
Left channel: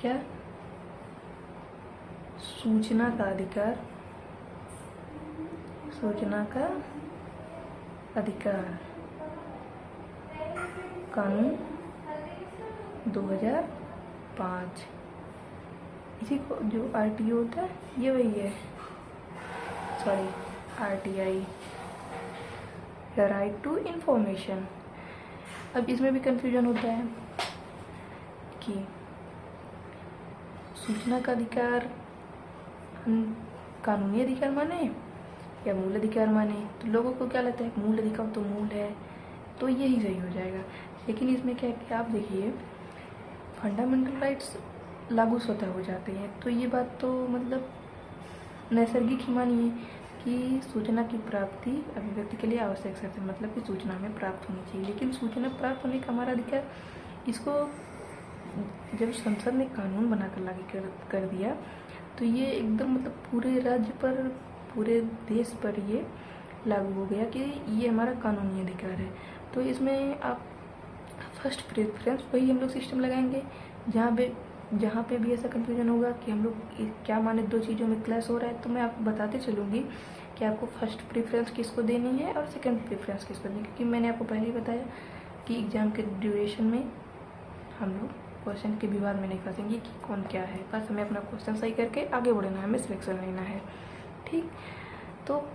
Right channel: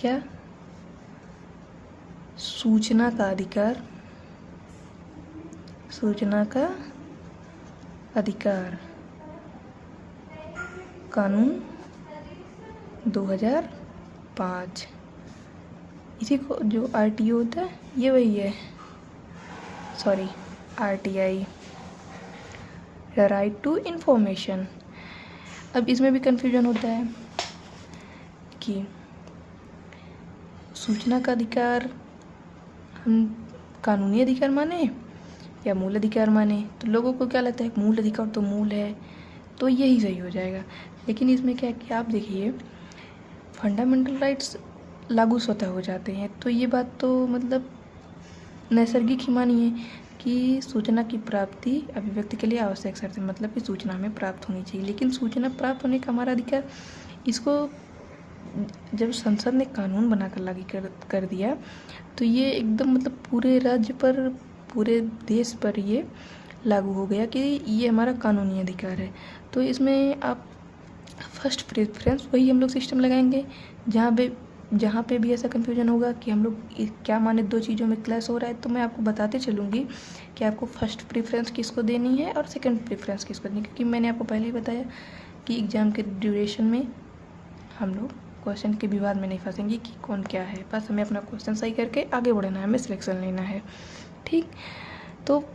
क्या, सूचना का अधिकार, सूचना का अधिकार कानून 2005, इसी को जो आरटीओ होता है ये वही है, sorry RTI, right to information. अब इसमें भी कंफ्यूजन होता है कि सूचना का अधिकार हम कानूनी अधिकार माने या मूल अधिकार माने, तो लोगों को क्या लगता है मूल अधिकार तो मूल है, तो यही सही हो जाएगा। लेकिन इसमें क्या है कि आप देखिए फंडामेंटल राइट्स लागू स्वतः हो जाते हैं, तो ये बात तो मतलब नैसर्गिक ही मानिए कि सूचना की प्राप्ति अभिव्यक्ति के लिए आवश्यक शर्त है, मतलब कि सूचना हमें प्राप्त होनी चाहिए। लेकिन सूचना प्राप्त होने का हमारा अधिकार, इसको जब संसद ने कानून बनाकर लागू कर दिया तो ये एकदम मतलब पूरे राज्य पर, पूरे देश पर ये लागू हो गया कि ये हमारा कानूनी अधिकार है। तो इसमें आप फर्स्ट प्रेफरेंस वही हम लोग सिस्टम लगाएंगे, जहाँ पे भी ऐसा कन्फ्यूजन होगा कि हम लोग क्या माने, दो चीज़ों में क्लैश हो रहा है, तो मैं आपको बताते चलूँगी कि आपको फर्स्ट प्रेफरेंस किसको देनी है और सेकंड प्रेफरेंस किसको देनी है, क्योंकि मैंने आपको पहले ही बताया कि एग्ज़ाम के ड्यूरेशन में हम लोग क्वेश्चन के विवाद में नहीं फंसेंगे कि कौन क्या है, बस हमें अपना क्वेश्चन सही करके आगे बढ़ना है, हमें सिलेक्शन लेना है। ठीक, तो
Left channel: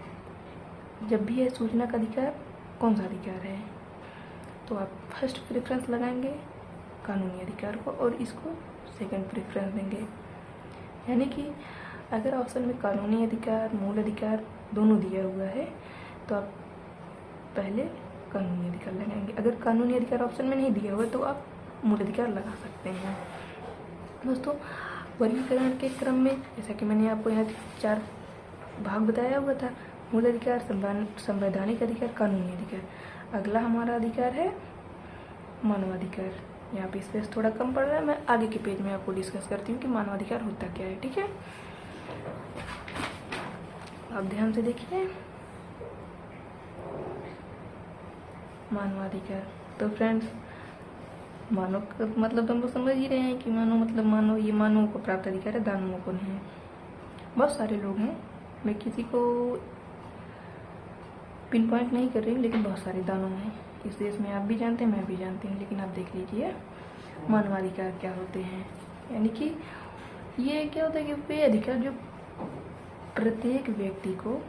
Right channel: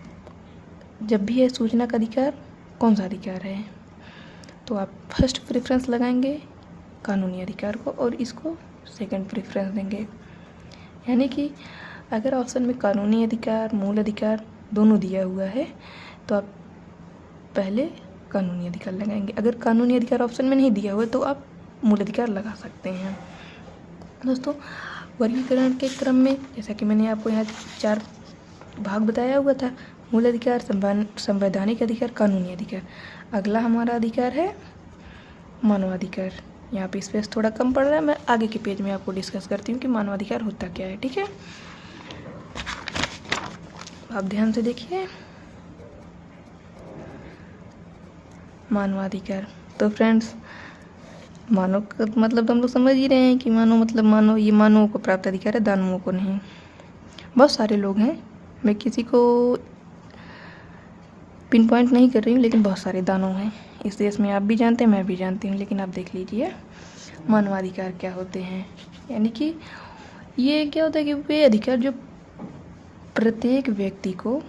जब भी है सूचना का अधिकार कौन सा अधिकार है, तो आप फर्स्ट प्रेफरेंस लगाएंगे कानूनी अधिकार को और इसको सेकंड प्रेफरेंस देंगे। यानी कि अगर ऑप्शन में कानूनी अधिकार मूल अधिकार दोनों दिया हुआ है तो आप पहले कानूनी अधिकार लगाएंगे। अगर कानूनी अधिकार ऑप्शन में नहीं दिया हुआ तो आप मूल अधिकार लगा सकते हैं। दोस्तों, वर्गीकरण के क्रम में जैसा कि मैंने आपको यहाँ 4 भाग बताया हुआ था, मूल अधिकार, संवैधानिक अधिकार, कानूनी अधिकार। अगला हमारा अधिकार है मानवाधिकार। यहाँ पे स्पेस थोड़ा कम पड़ रहा है, मैं आगे के पेज में आपको डिस्कस करती हूँ कि मानवाधिकार होता क्या है। ठीक है, आप ध्यान से देखिए मानवाधिकार। तो फ्रेंड्स, मानव का मतलब हम लोग समझ ही रहे हैं कि मानव मतलब मानव, ये मानवों को प्राप्त अधिकार है, दानवों को नहीं। बहुत सारे लोग हैं, मैं किसी को पिन पॉइंट नहीं कर रही हूँ, लेकिन बहुत सारे दानव हैं इस देश में। आप भी जानते हैं, मैं भी जानती हूँ, लेकिन आप देख लीजिए मानवाधिकार क्या होते हैं। यानी कि ये क्या होता है कि वे अधिकार जो प्रत्येक व्यक्ति को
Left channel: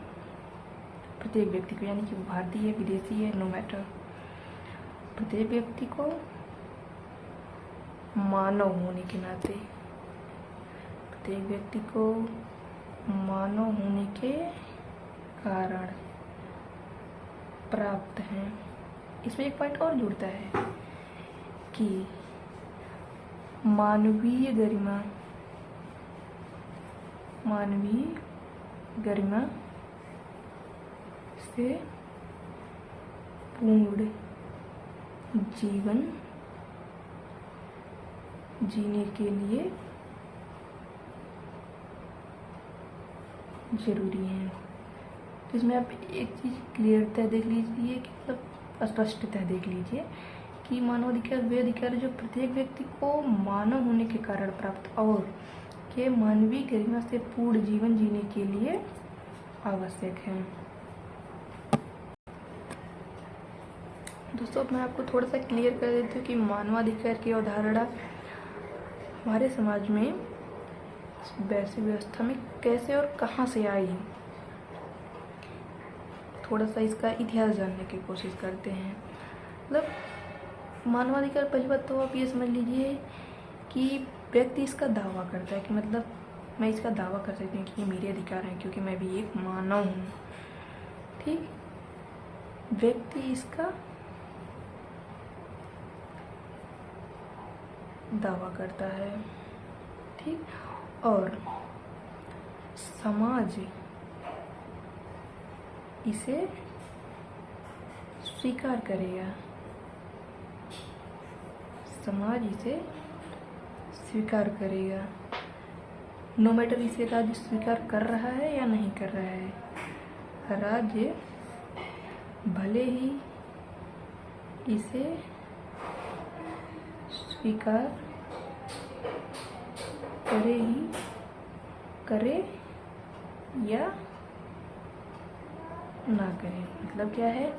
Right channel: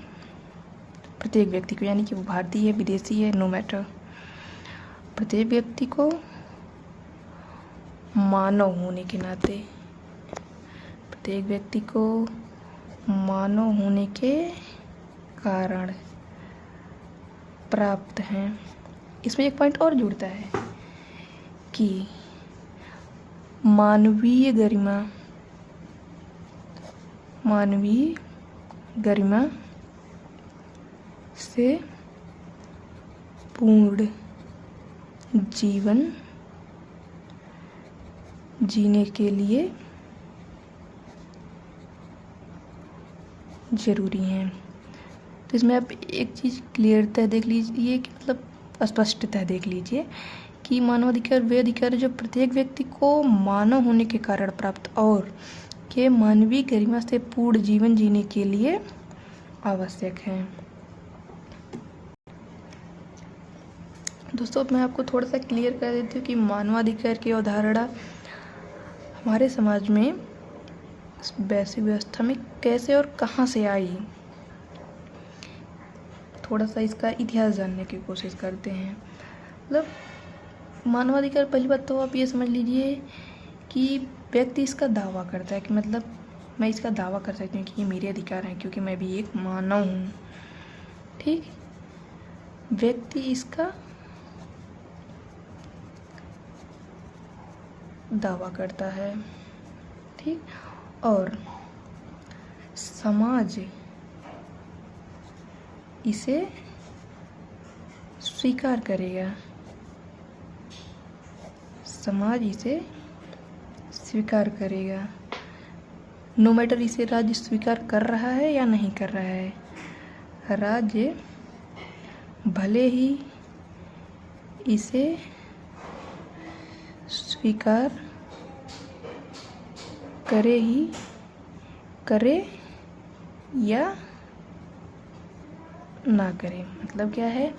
यानी कि वो भारतीय है, विदेशी है, नो मैटर, प्रत्येक व्यक्ति को मानव होने के नाते, प्रत्येक व्यक्ति को मानव होने के कारण प्राप्त हैं। इसमें एक पॉइंट और जुड़ता है कि मानवीय गरिमा से पूर्ण जीवन जीने के लिए जरूरी है। तो इसमें आप एक चीज़ क्लियरता देख लीजिए कि मतलब स्पष्टता देख लीजिए कि मानवाधिकार वे अधिकार जो प्रत्येक व्यक्ति को मानव होने के कारण प्राप्त और के मानवीय गरिमा से पूर्ण जीवन जीने के लिए आवश्यक है। दोस्तों, मैं आपको थोड़ा सा क्लियर कर देती हूँ कि मानवाधिकार की अवधारणा हमारे समाज में वैश्विक व्यवस्था में कैसे और कहाँ से आई। थोड़ा सा इसका इतिहास जानने की कोशिश करते हैं। मतलब मानवाधिकार, पहली बात तो आप ये समझ लीजिए कि व्यक्ति इसका दावा करता है कि मतलब मैं इसका दावा कर सकती हूँ कि ये मेरे अधिकार हैं क्योंकि मैं भी एक मानव हूँ। ठीक, व्यक्ति इसका दावा करता है। ठीक, और समाज इसे स्वीकार करेगा, समाज इसे स्वीकार करेगा, नो मैटर इसे राज्य स्वीकार कर रहा है या नहीं कर रहा है। राज्य भले ही इसे स्वीकार करे या ना करे। मतलब क्या है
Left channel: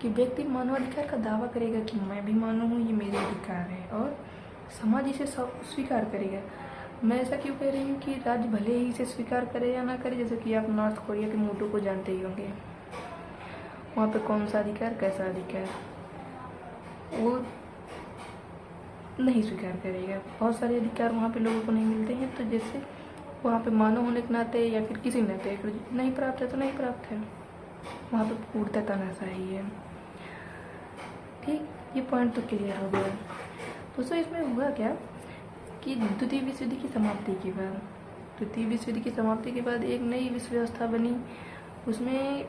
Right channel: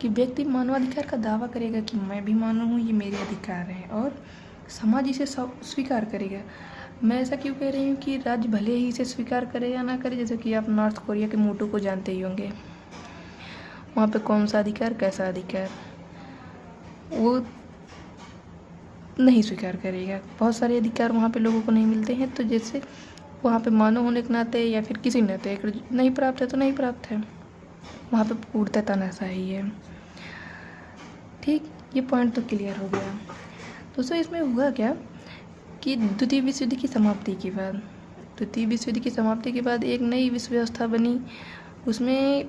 कि व्यक्ति मानवाधिकार का दावा करेगा कि मैं भी मानव हूँ, ये मेरे अधिकार है, और समाज इसे स्वीकार करेगा। मैं ऐसा क्यों कह रही हूँ कि राज्य भले ही इसे स्वीकार करे या ना करे। जैसे कि आप नॉर्थ कोरिया के मोटू को जानते ही होंगे, वहाँ पे कौन सा अधिकार, कैसा अधिकार, वो नहीं स्वीकार करेगा। बहुत सारे अधिकार वहाँ पे लोगों को नहीं मिलते हैं, तो जैसे वहाँ पे मानव होने के नाते या फिर किसी नाते नहीं प्राप्त है तो नहीं प्राप्त है, वहाँ पे पूर्णतः तानाशाही है। ठीक, ये पॉइंट तो क्लियर हो गया। दोस्तों, इसमें हुआ क्या कि द्वितीय विश्व युद्ध की समाप्ति के बाद एक नई विश्व व्यवस्था बनी। उसमें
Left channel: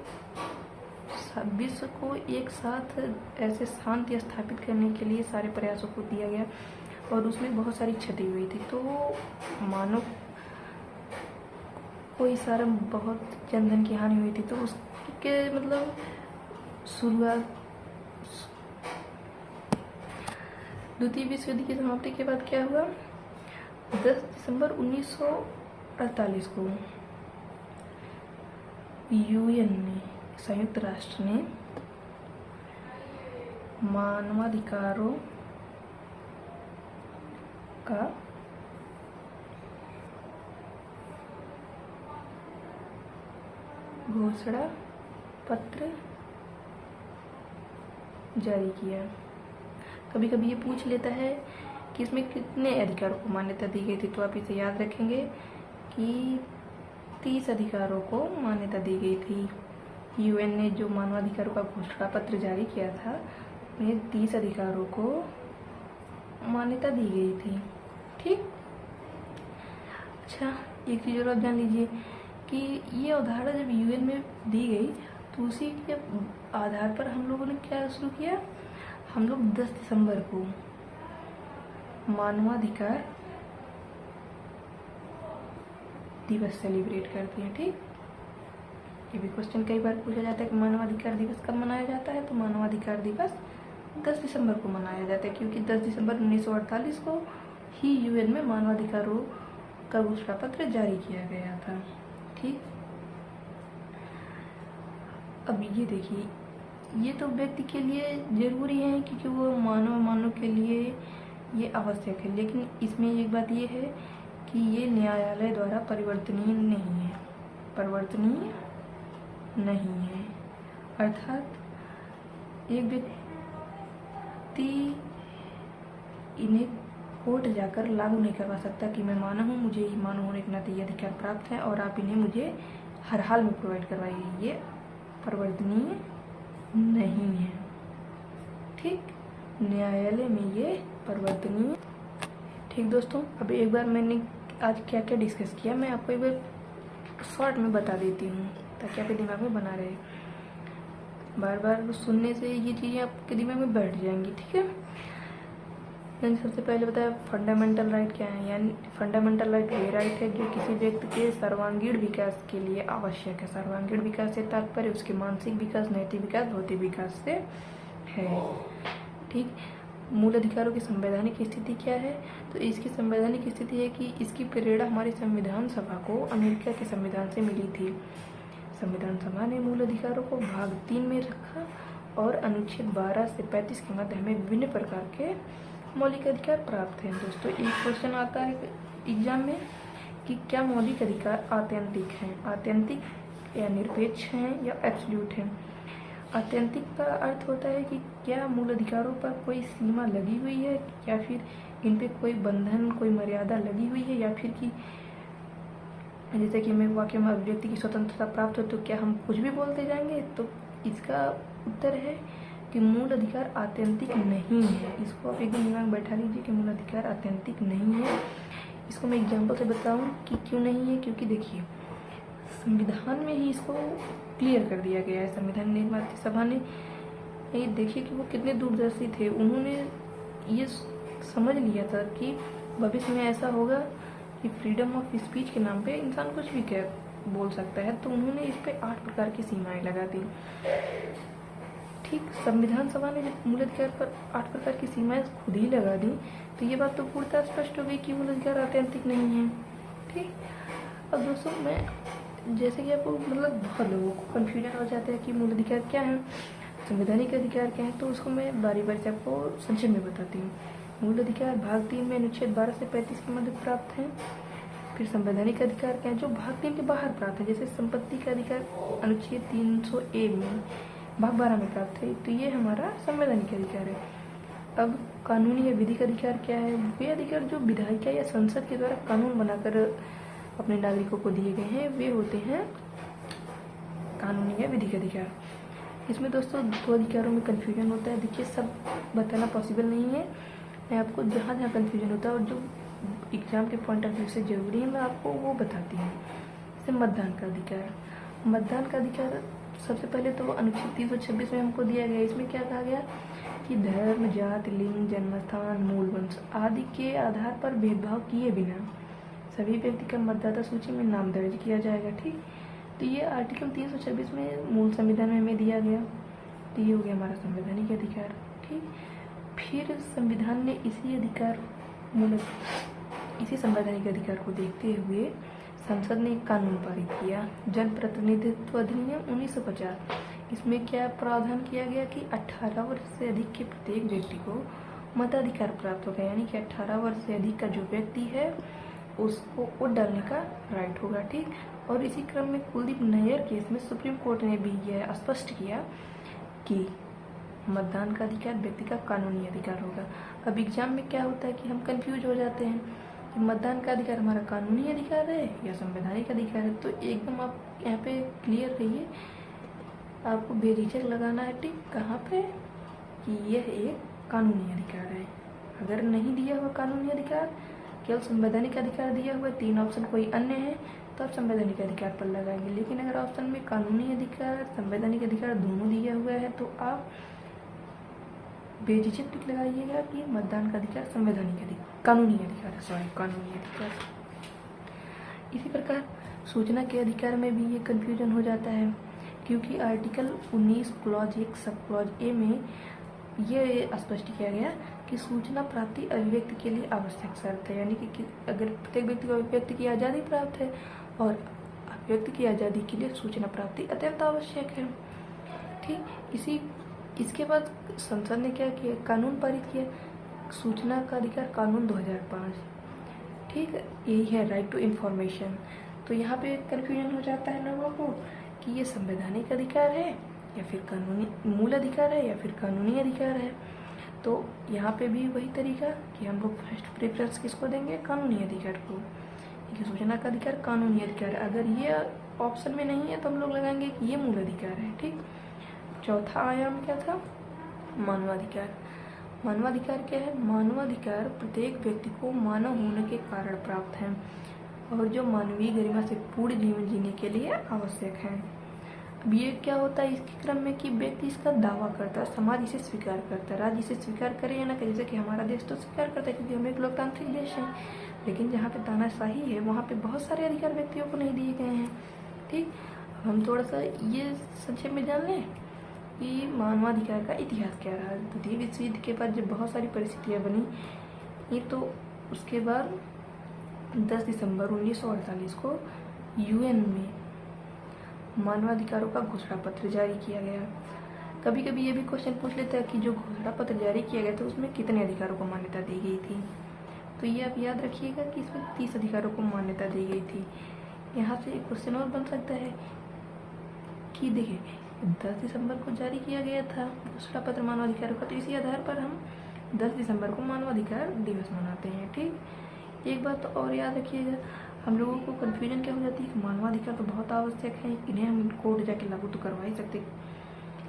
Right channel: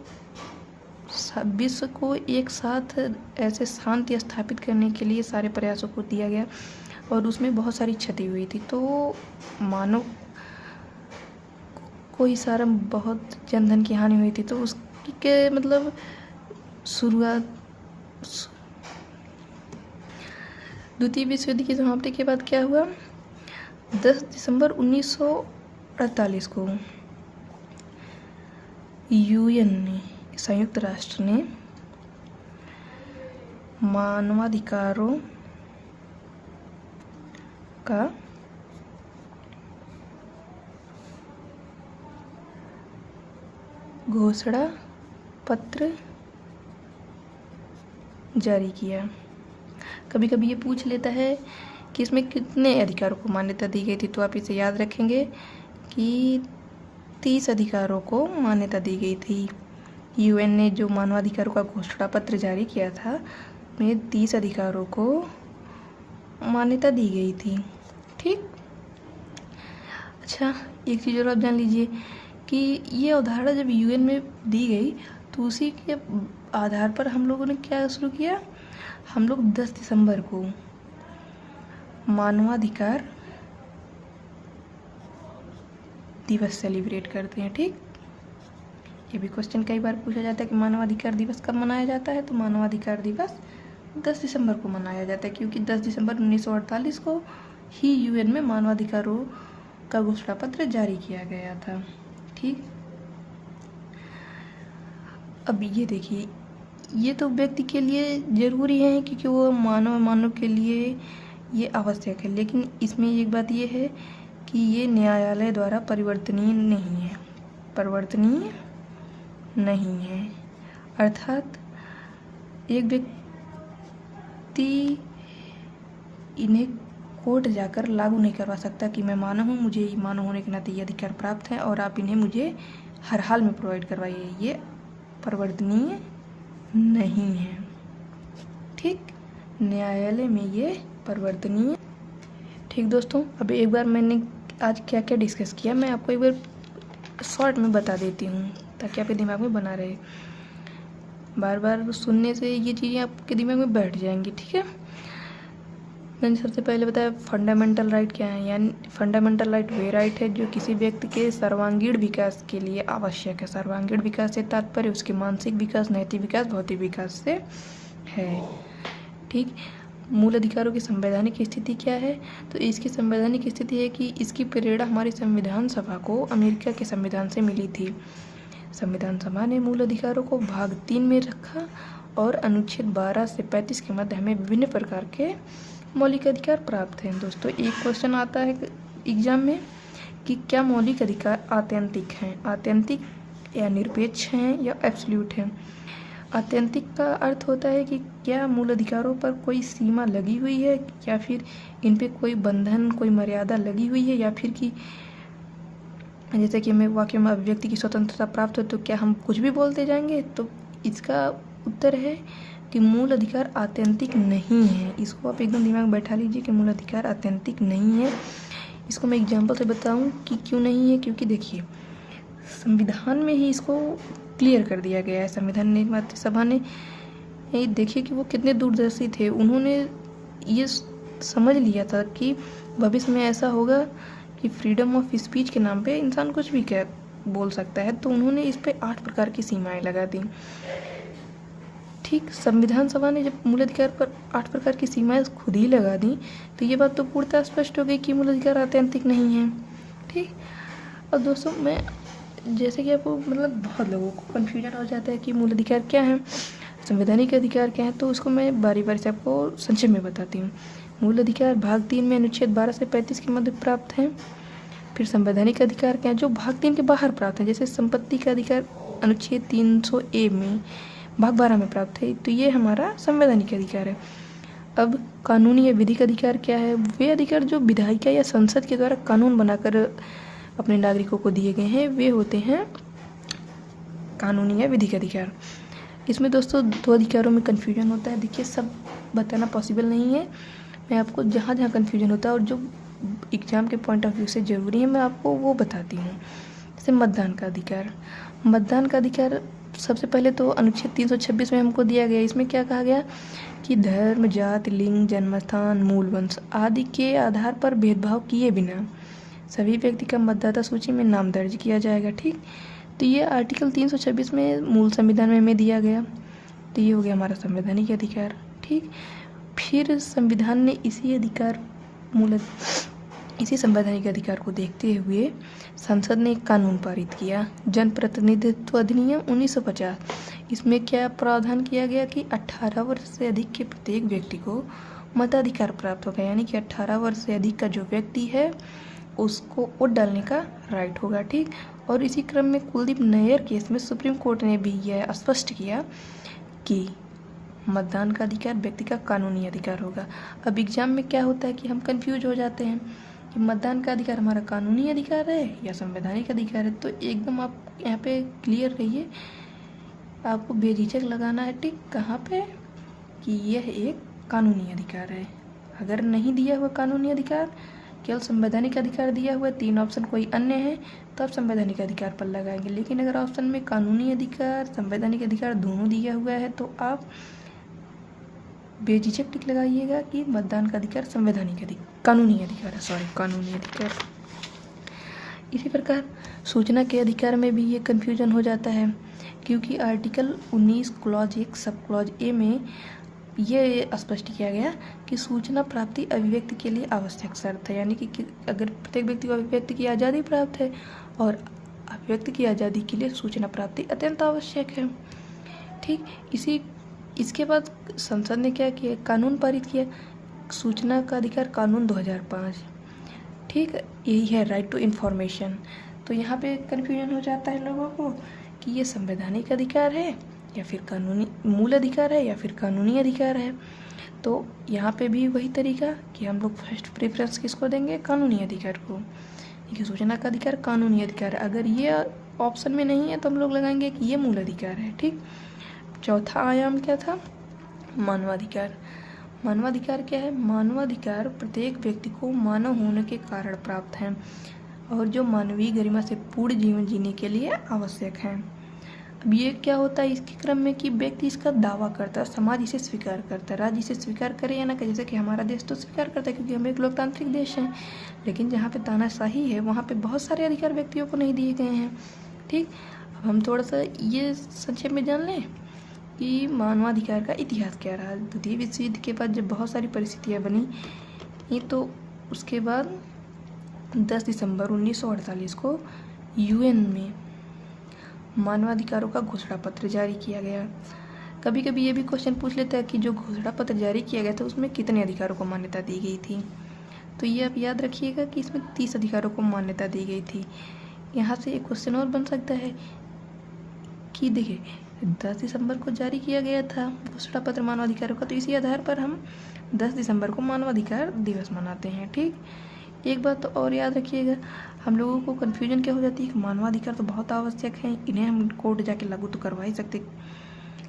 विश्व को एक साथ ऐसे शांति स्थापित करने के लिए सारे प्रयासों को दिया गया, और उसमें बहुत सारी क्षति हुई थी। तो मानव को इस सारा बहुत जनधन की हानि हुई थी। तो उसके मतलब शुरुआत, द्वितीय विश्व युद्ध की समाप्ति के बाद क्या हुआ, 10 दिसंबर 1948 को यूएन ने, संयुक्त राष्ट्र ने मानवाधिकारों का घोषणा पत्र जारी किया। कभी कभी ये पूछ लेता है कि इसमें कितने अधिकारों को मान्यता दी गई थी, तो आप इसे याद रखेंगे कि 30 अधिकारों को मान्यता दी गई थी। यूएन ने जो मानवाधिकारों का घोषणा पत्र जारी किया था उसमें 30 अधिकारों को मान्यता दी गई थी। ठीक। अच्छा, एक चीज़ और आप जान लीजिए कि ये अवधारणा जब यूएन में दी गई तो उसी के आधार पर हम लोगों ने क्या शुरू किया, हम लोग 10 दिसंबर को मानवाधिकार दिवस सेलिब्रेट करते हैं। ठीक। ये भी क्वेश्चन कई बार पूछा जाता है कि मानवाधिकार दिवस कब मनाया जाता है, तो मानवाधिकार दिवस 10 दिसंबर को मनाया जाता है, क्योंकि 10 दिसंबर 1948 को ही यूएन में मानवाधिकारों का घोषणा पत्र जारी किया गया था। ठीक। अब ये देखिए, ये तो व्यक्ति के लिए जरूरी है क्योंकि वो मानव के लिए ये आवश्यक है, लेकिन इसमें एक बात ये है कि ये न्यायालय द्वारा परिवर्तनीय नहीं है। अर्थात एक व्यक्ति इन्हें कोर्ट जाकर लागू नहीं करवा सकता कि मैं मानव हूँ, मुझे मानव होने के नाते ये अधिकार प्राप्त है और आप इन्हें मुझे हर हाल में प्रोवाइड करवाइए। ये परिवर्तनीय नहीं है। ठीक। न्यायालय में ये परिवर्तनीय। ठीक दोस्तों, अभी एक बार मैंने आज क्या क्या डिस्कस किया मैं आपको एक बार शॉर्ट में बता देती हूँ ताकि आपके दिमाग में बना रहे। बार बार सुनने से ये चीज़ें आपके दिमाग में बैठ जाएंगी। ठीक है। मैंने सबसे पहले बताया फंडामेंटल राइट क्या है, यानी फंडामेंटल राइट वे राइट है जो किसी व्यक्ति के सर्वांगीण विकास के लिए आवश्यक है। सर्वांगीण विकास से तात्पर्य उसके मानसिक विकास, नैतिक विकास, भौतिक विकास से है। ठीक। मूल अधिकारों की संवैधानिक स्थिति क्या है, तो इसकी संवैधानिक स्थिति है कि इसकी प्रेरणा हमारी संविधान सभा को अमेरिका के संविधान से मिली थी। संविधान सभा ने मूल अधिकारों को भाग 3 में रखा और अनुच्छेद 12 से 35 के मध्य हमें विभिन्न प्रकार के मौलिक अधिकार प्राप्त हैं। दोस्तों, एक क्वेश्चन आता है एग्जाम में कि क्या मौलिक अधिकार आत्यंतिक हैं, आत्यंतिक या निरपेक्ष हैं या एब्सोल्यूट हैं। आत्यंतिक का अर्थ होता है कि क्या मूल अधिकारों पर कोई सीमा लगी हुई है या फिर इन पे कोई बंधन, कोई मर्यादा लगी हुई है, या फिर कि जैसे कि हमें वाक्य में अभिव्यक्ति की स्वतंत्रता प्राप्त हो तो क्या हम कुछ भी बोलते जाएंगे। तो इसका उत्तर है कि मूल अधिकार आत्यंतिक नहीं है। इसको आप एकदम दिमाग में बैठा लीजिए कि मूल अधिकार आत्यंतिक नहीं है। इसको मैं एग्जांपल से बताऊं कि क्यों नहीं है, क्योंकि देखिए संविधान में ही इसको क्लियर कर दिया गया है। संविधान निर्माता सभा ने ये देखिए कि वो कितने दूरदर्शी थे, उन्होंने ये समझ लिया था कि भविष्य में ऐसा होगा कि फ्रीडम ऑफ स्पीच के नाम पे इंसान कुछ भी बोल सकता है, तो उन्होंने इस पे 8 प्रकार की सीमाएं लगा दी। ठीक। संविधान सभा ने जब मूल अधिकार पर 8 प्रकार की सीमाएं खुद ही लगा दी तो ये बात तो पूर्णतः स्पष्ट हो गई कि मूल अधिकार आत्यंतिक नहीं है। ठीक। अब दोस्तों, मैं जैसे कि आपको बहुत लोगों को कन्फ्यूजन हो जाता है कि मूल अधिकार क्या है, संवैधानिक अधिकार क्या है, तो उसको मैं बारी बारी से आपको संक्षेप में बताती हूँ। मूल अधिकार भाग 3 में अनुच्छेद 12 से 35 के मध्य प्राप्त हैं। फिर संवैधानिक अधिकार क्या है जो भाग 3 के बाहर प्राप्त है, जैसे संपत्ति का अधिकार अनुच्छेद 300A में भाग 12 में प्राप्त है, तो ये हमारा संवैधानिक अधिकार है। अब कानूनी या विधिक अधिकार क्या है, वे अधिकार जो विधायिका या संसद के द्वारा कानून बनाकर अपने नागरिकों को दिए गए हैं, वे होते हैं कानूनी या विधिक अधिकार। इसमें दोस्तों 2 अधिकारों में कन्फ्यूजन होता है। देखिए, सब बताना पॉसिबल नहीं है, मैं आपको जहाँ जहाँ कन्फ्यूजन होता है और जो एग्जाम के पॉइंट ऑफ व्यू से ज़रूरी है मैं आपको वो बताती हूँ। जैसे मतदान का अधिकार, मतदान का अधिकार सबसे पहले तो अनुच्छेद 326 में हमको दिया गया। इसमें क्या कहा गया कि धर्म, जाति, लिंग, जन्मस्थान, मूल वंश आदि के आधार पर भेदभाव किए बिना सभी व्यक्ति का मतदाता सूची में नाम दर्ज किया जाएगा। ठीक। तो ये आर्टिकल 326 में मूल संविधान में हमें दिया गया, तो ये हो गया हमारा संवैधानिक अधिकार। ठीक। फिर संविधान ने इसी अधिकार इसी संवैधानिक अधिकार को देखते हुए संसद ने एक कानून पारित किया, जन प्रतिनिधित्व अधिनियम 1950। इसमें क्या प्रावधान किया गया कि 18 वर्ष से अधिक के प्रत्येक व्यक्ति को मताधिकार प्राप्त होगा, यानी कि 18 वर्ष से अधिक का जो व्यक्ति है उसको वोट डालने का राइट होगा। ठीक, और इसी क्रम में कुलदीप नैयर केस में सुप्रीम कोर्ट ने भी यह स्पष्ट किया कि मतदान का अधिकार व्यक्ति का कानूनी अधिकार होगा। अब एग्जाम में क्या होता है कि हम कंफ्यूज हो जाते हैं कि मतदान का अधिकार हमारा कानूनी अधिकार है या संवैधानिक अधिकार है। तो एकदम आप यहाँ पे क्लियर रहिए, आपको बेझिझक लगाना है टिक कहाँ पे कि यह एक कानूनी अधिकार है। अगर नहीं दिया हुआ कानूनी अधिकार, केवल संवैधानिक अधिकार दिया हुआ, 3 ऑप्शन कोई अन्य है, तो आप संवैधानिक अधिकार पर लगाएंगे। लेकिन अगर ऑप्शन में कानूनी अधिकार संवैधानिक अधिकार दोनों दिया हुआ है तो आप बेझिझक टिक लगाइएगा कि मतदान का अधिकार संवैधानिक अधिकार कानूनी अधिकार है, कानूनी अधिकार। इसी प्रकार सूचना के अधिकार में भी ये कन्फ्यूजन हो जाता है, क्योंकि article 19 clause 1 sub clause A में ये स्पष्ट किया गया कि सूचना प्राप्ति अभिव्यक्ति के लिए आवश्यक शर्त है, यानी कि अगर प्रत्येक व्यक्ति को अभिव्यक्ति की आज़ादी प्राप्त है और अभिव्यक्ति की आज़ादी के लिए सूचना प्राप्ति अत्यंत आवश्यक है। ठीक, इसके बाद संसद ने क्या किया, कानून पारित किया, सूचना का अधिकार कानून 2005। ठीक, यही है राइट टू इन्फॉर्मेशन। तो यहाँ पे कन्फ्यूजन हो जाता है लोगों को कि ये संवैधानिक अधिकार है या फिर कानूनी मूल अधिकार है या फिर कानूनी अधिकार है। तो यहाँ पे भी वही तरीका कि हम लोग फर्स्ट प्रेफरेंस किसको देंगे, कानूनी अधिकार को, कि सूचना का अधिकार कानूनी अधिकार है। अगर ये ऑप्शन में नहीं है तो हम लोग लगाएंगे कि ये मूल अधिकार है। ठीक, चौथा आयाम क्या था, मानवाधिकार। मानवाधिकार क्या है, मानवाधिकार प्रत्येक व्यक्ति को मानव होने के कारण प्राप्त है और जो मानवीय गरिमा से पूर्ण जीवन जीने के लिए आवश्यक है। अब ये क्या होता है इसके क्रम में कि व्यक्ति इसका दावा करता है, समाज इसे स्वीकार करता है, राज्य इसे स्वीकार करे या ना करे, जैसे कि हमारा देश तो स्वीकार करता है क्योंकि हम एक लोकतांत्रिक देश है। लेकिन जहाँ पे तानाशाही है वहाँ पे बहुत सारे अधिकार व्यक्तियों को नहीं दिए गए हैं। ठीक, अब हम थोड़ा सा ये संक्षेप में जान लें कि मानवाधिकार का इतिहास क्या रहा। द्वितीय विश्व युद्ध के बाद जब बहुत सारी परिस्थितियाँ बनी ये, तो उसके बाद 10 दिसंबर 1948 को यूएन में मानवाधिकारों का घोषणा पत्र जारी किया गया। कभी कभी ये भी क्वेश्चन पूछ लेता है कि जो घोषणा पत्र जारी किया गया था उसमें कितने अधिकारों को मान्यता दी गई थी। तो ये आप याद रखिएगा कि इसमें 30 अधिकारों को मान्यता दी गई थी। यहाँ से एक क्वेश्चन और बन सकता है कि देखिए 10 दिसंबर को जारी किया गया था घोषणा पत्र मानवाधिकारों का, तो इसी आधार पर हम 10 दिसंबर को मानवाधिकार दिवस मनाते हैं। ठीक, एक बात तो और याद रखिएगा, हम लोगों को कन्फ्यूजन क्या हो जाती है कि मानवाधिकार तो बहुत आवश्यक है, इन्हें हम कोर्ट जाके लागू तो करवा ही सकते,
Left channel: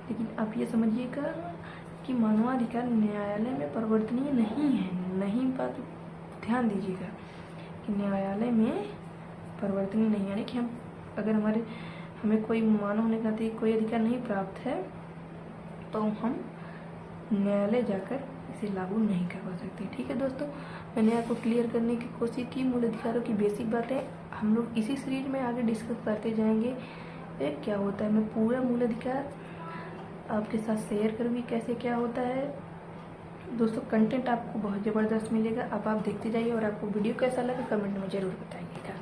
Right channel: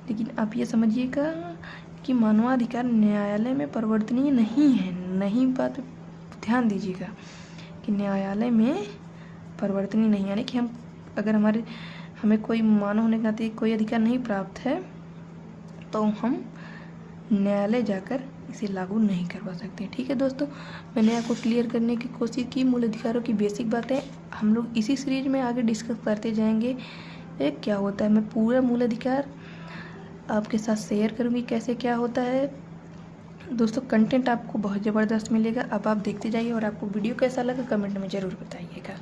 लेकिन आप ये समझिएगा कि मानवाधिकार न्यायालय में परिवर्तनीय नहीं है। नहीं, बात ध्यान दीजिएगा कि न्यायालय में परिवर्तनीय नहीं, यानी कि हम अगर हमें कोई मानव होने के नाते कोई अधिकार नहीं प्राप्त है तो हम न्यायालय जाकर इसे लागू नहीं करवा सकते। ठीक है दोस्तों, मैंने आपको क्लियर करने की कोशिश की मूल अधिकारों की बेसिक बातें। हम लोग इसी सीरीज में आगे डिस्कस करते जाएंगे क्या होता है। मैं पूरा मूल अधिकार आपके साथ शेयर करूँगी कैसे क्या होता है। दोस्तों कंटेंट आपको बहुत ज़बरदस्त मिलेगा, अब आप देखते जाइए और आपको वीडियो कैसा लगा कमेंट में ज़रूर बताइएगा।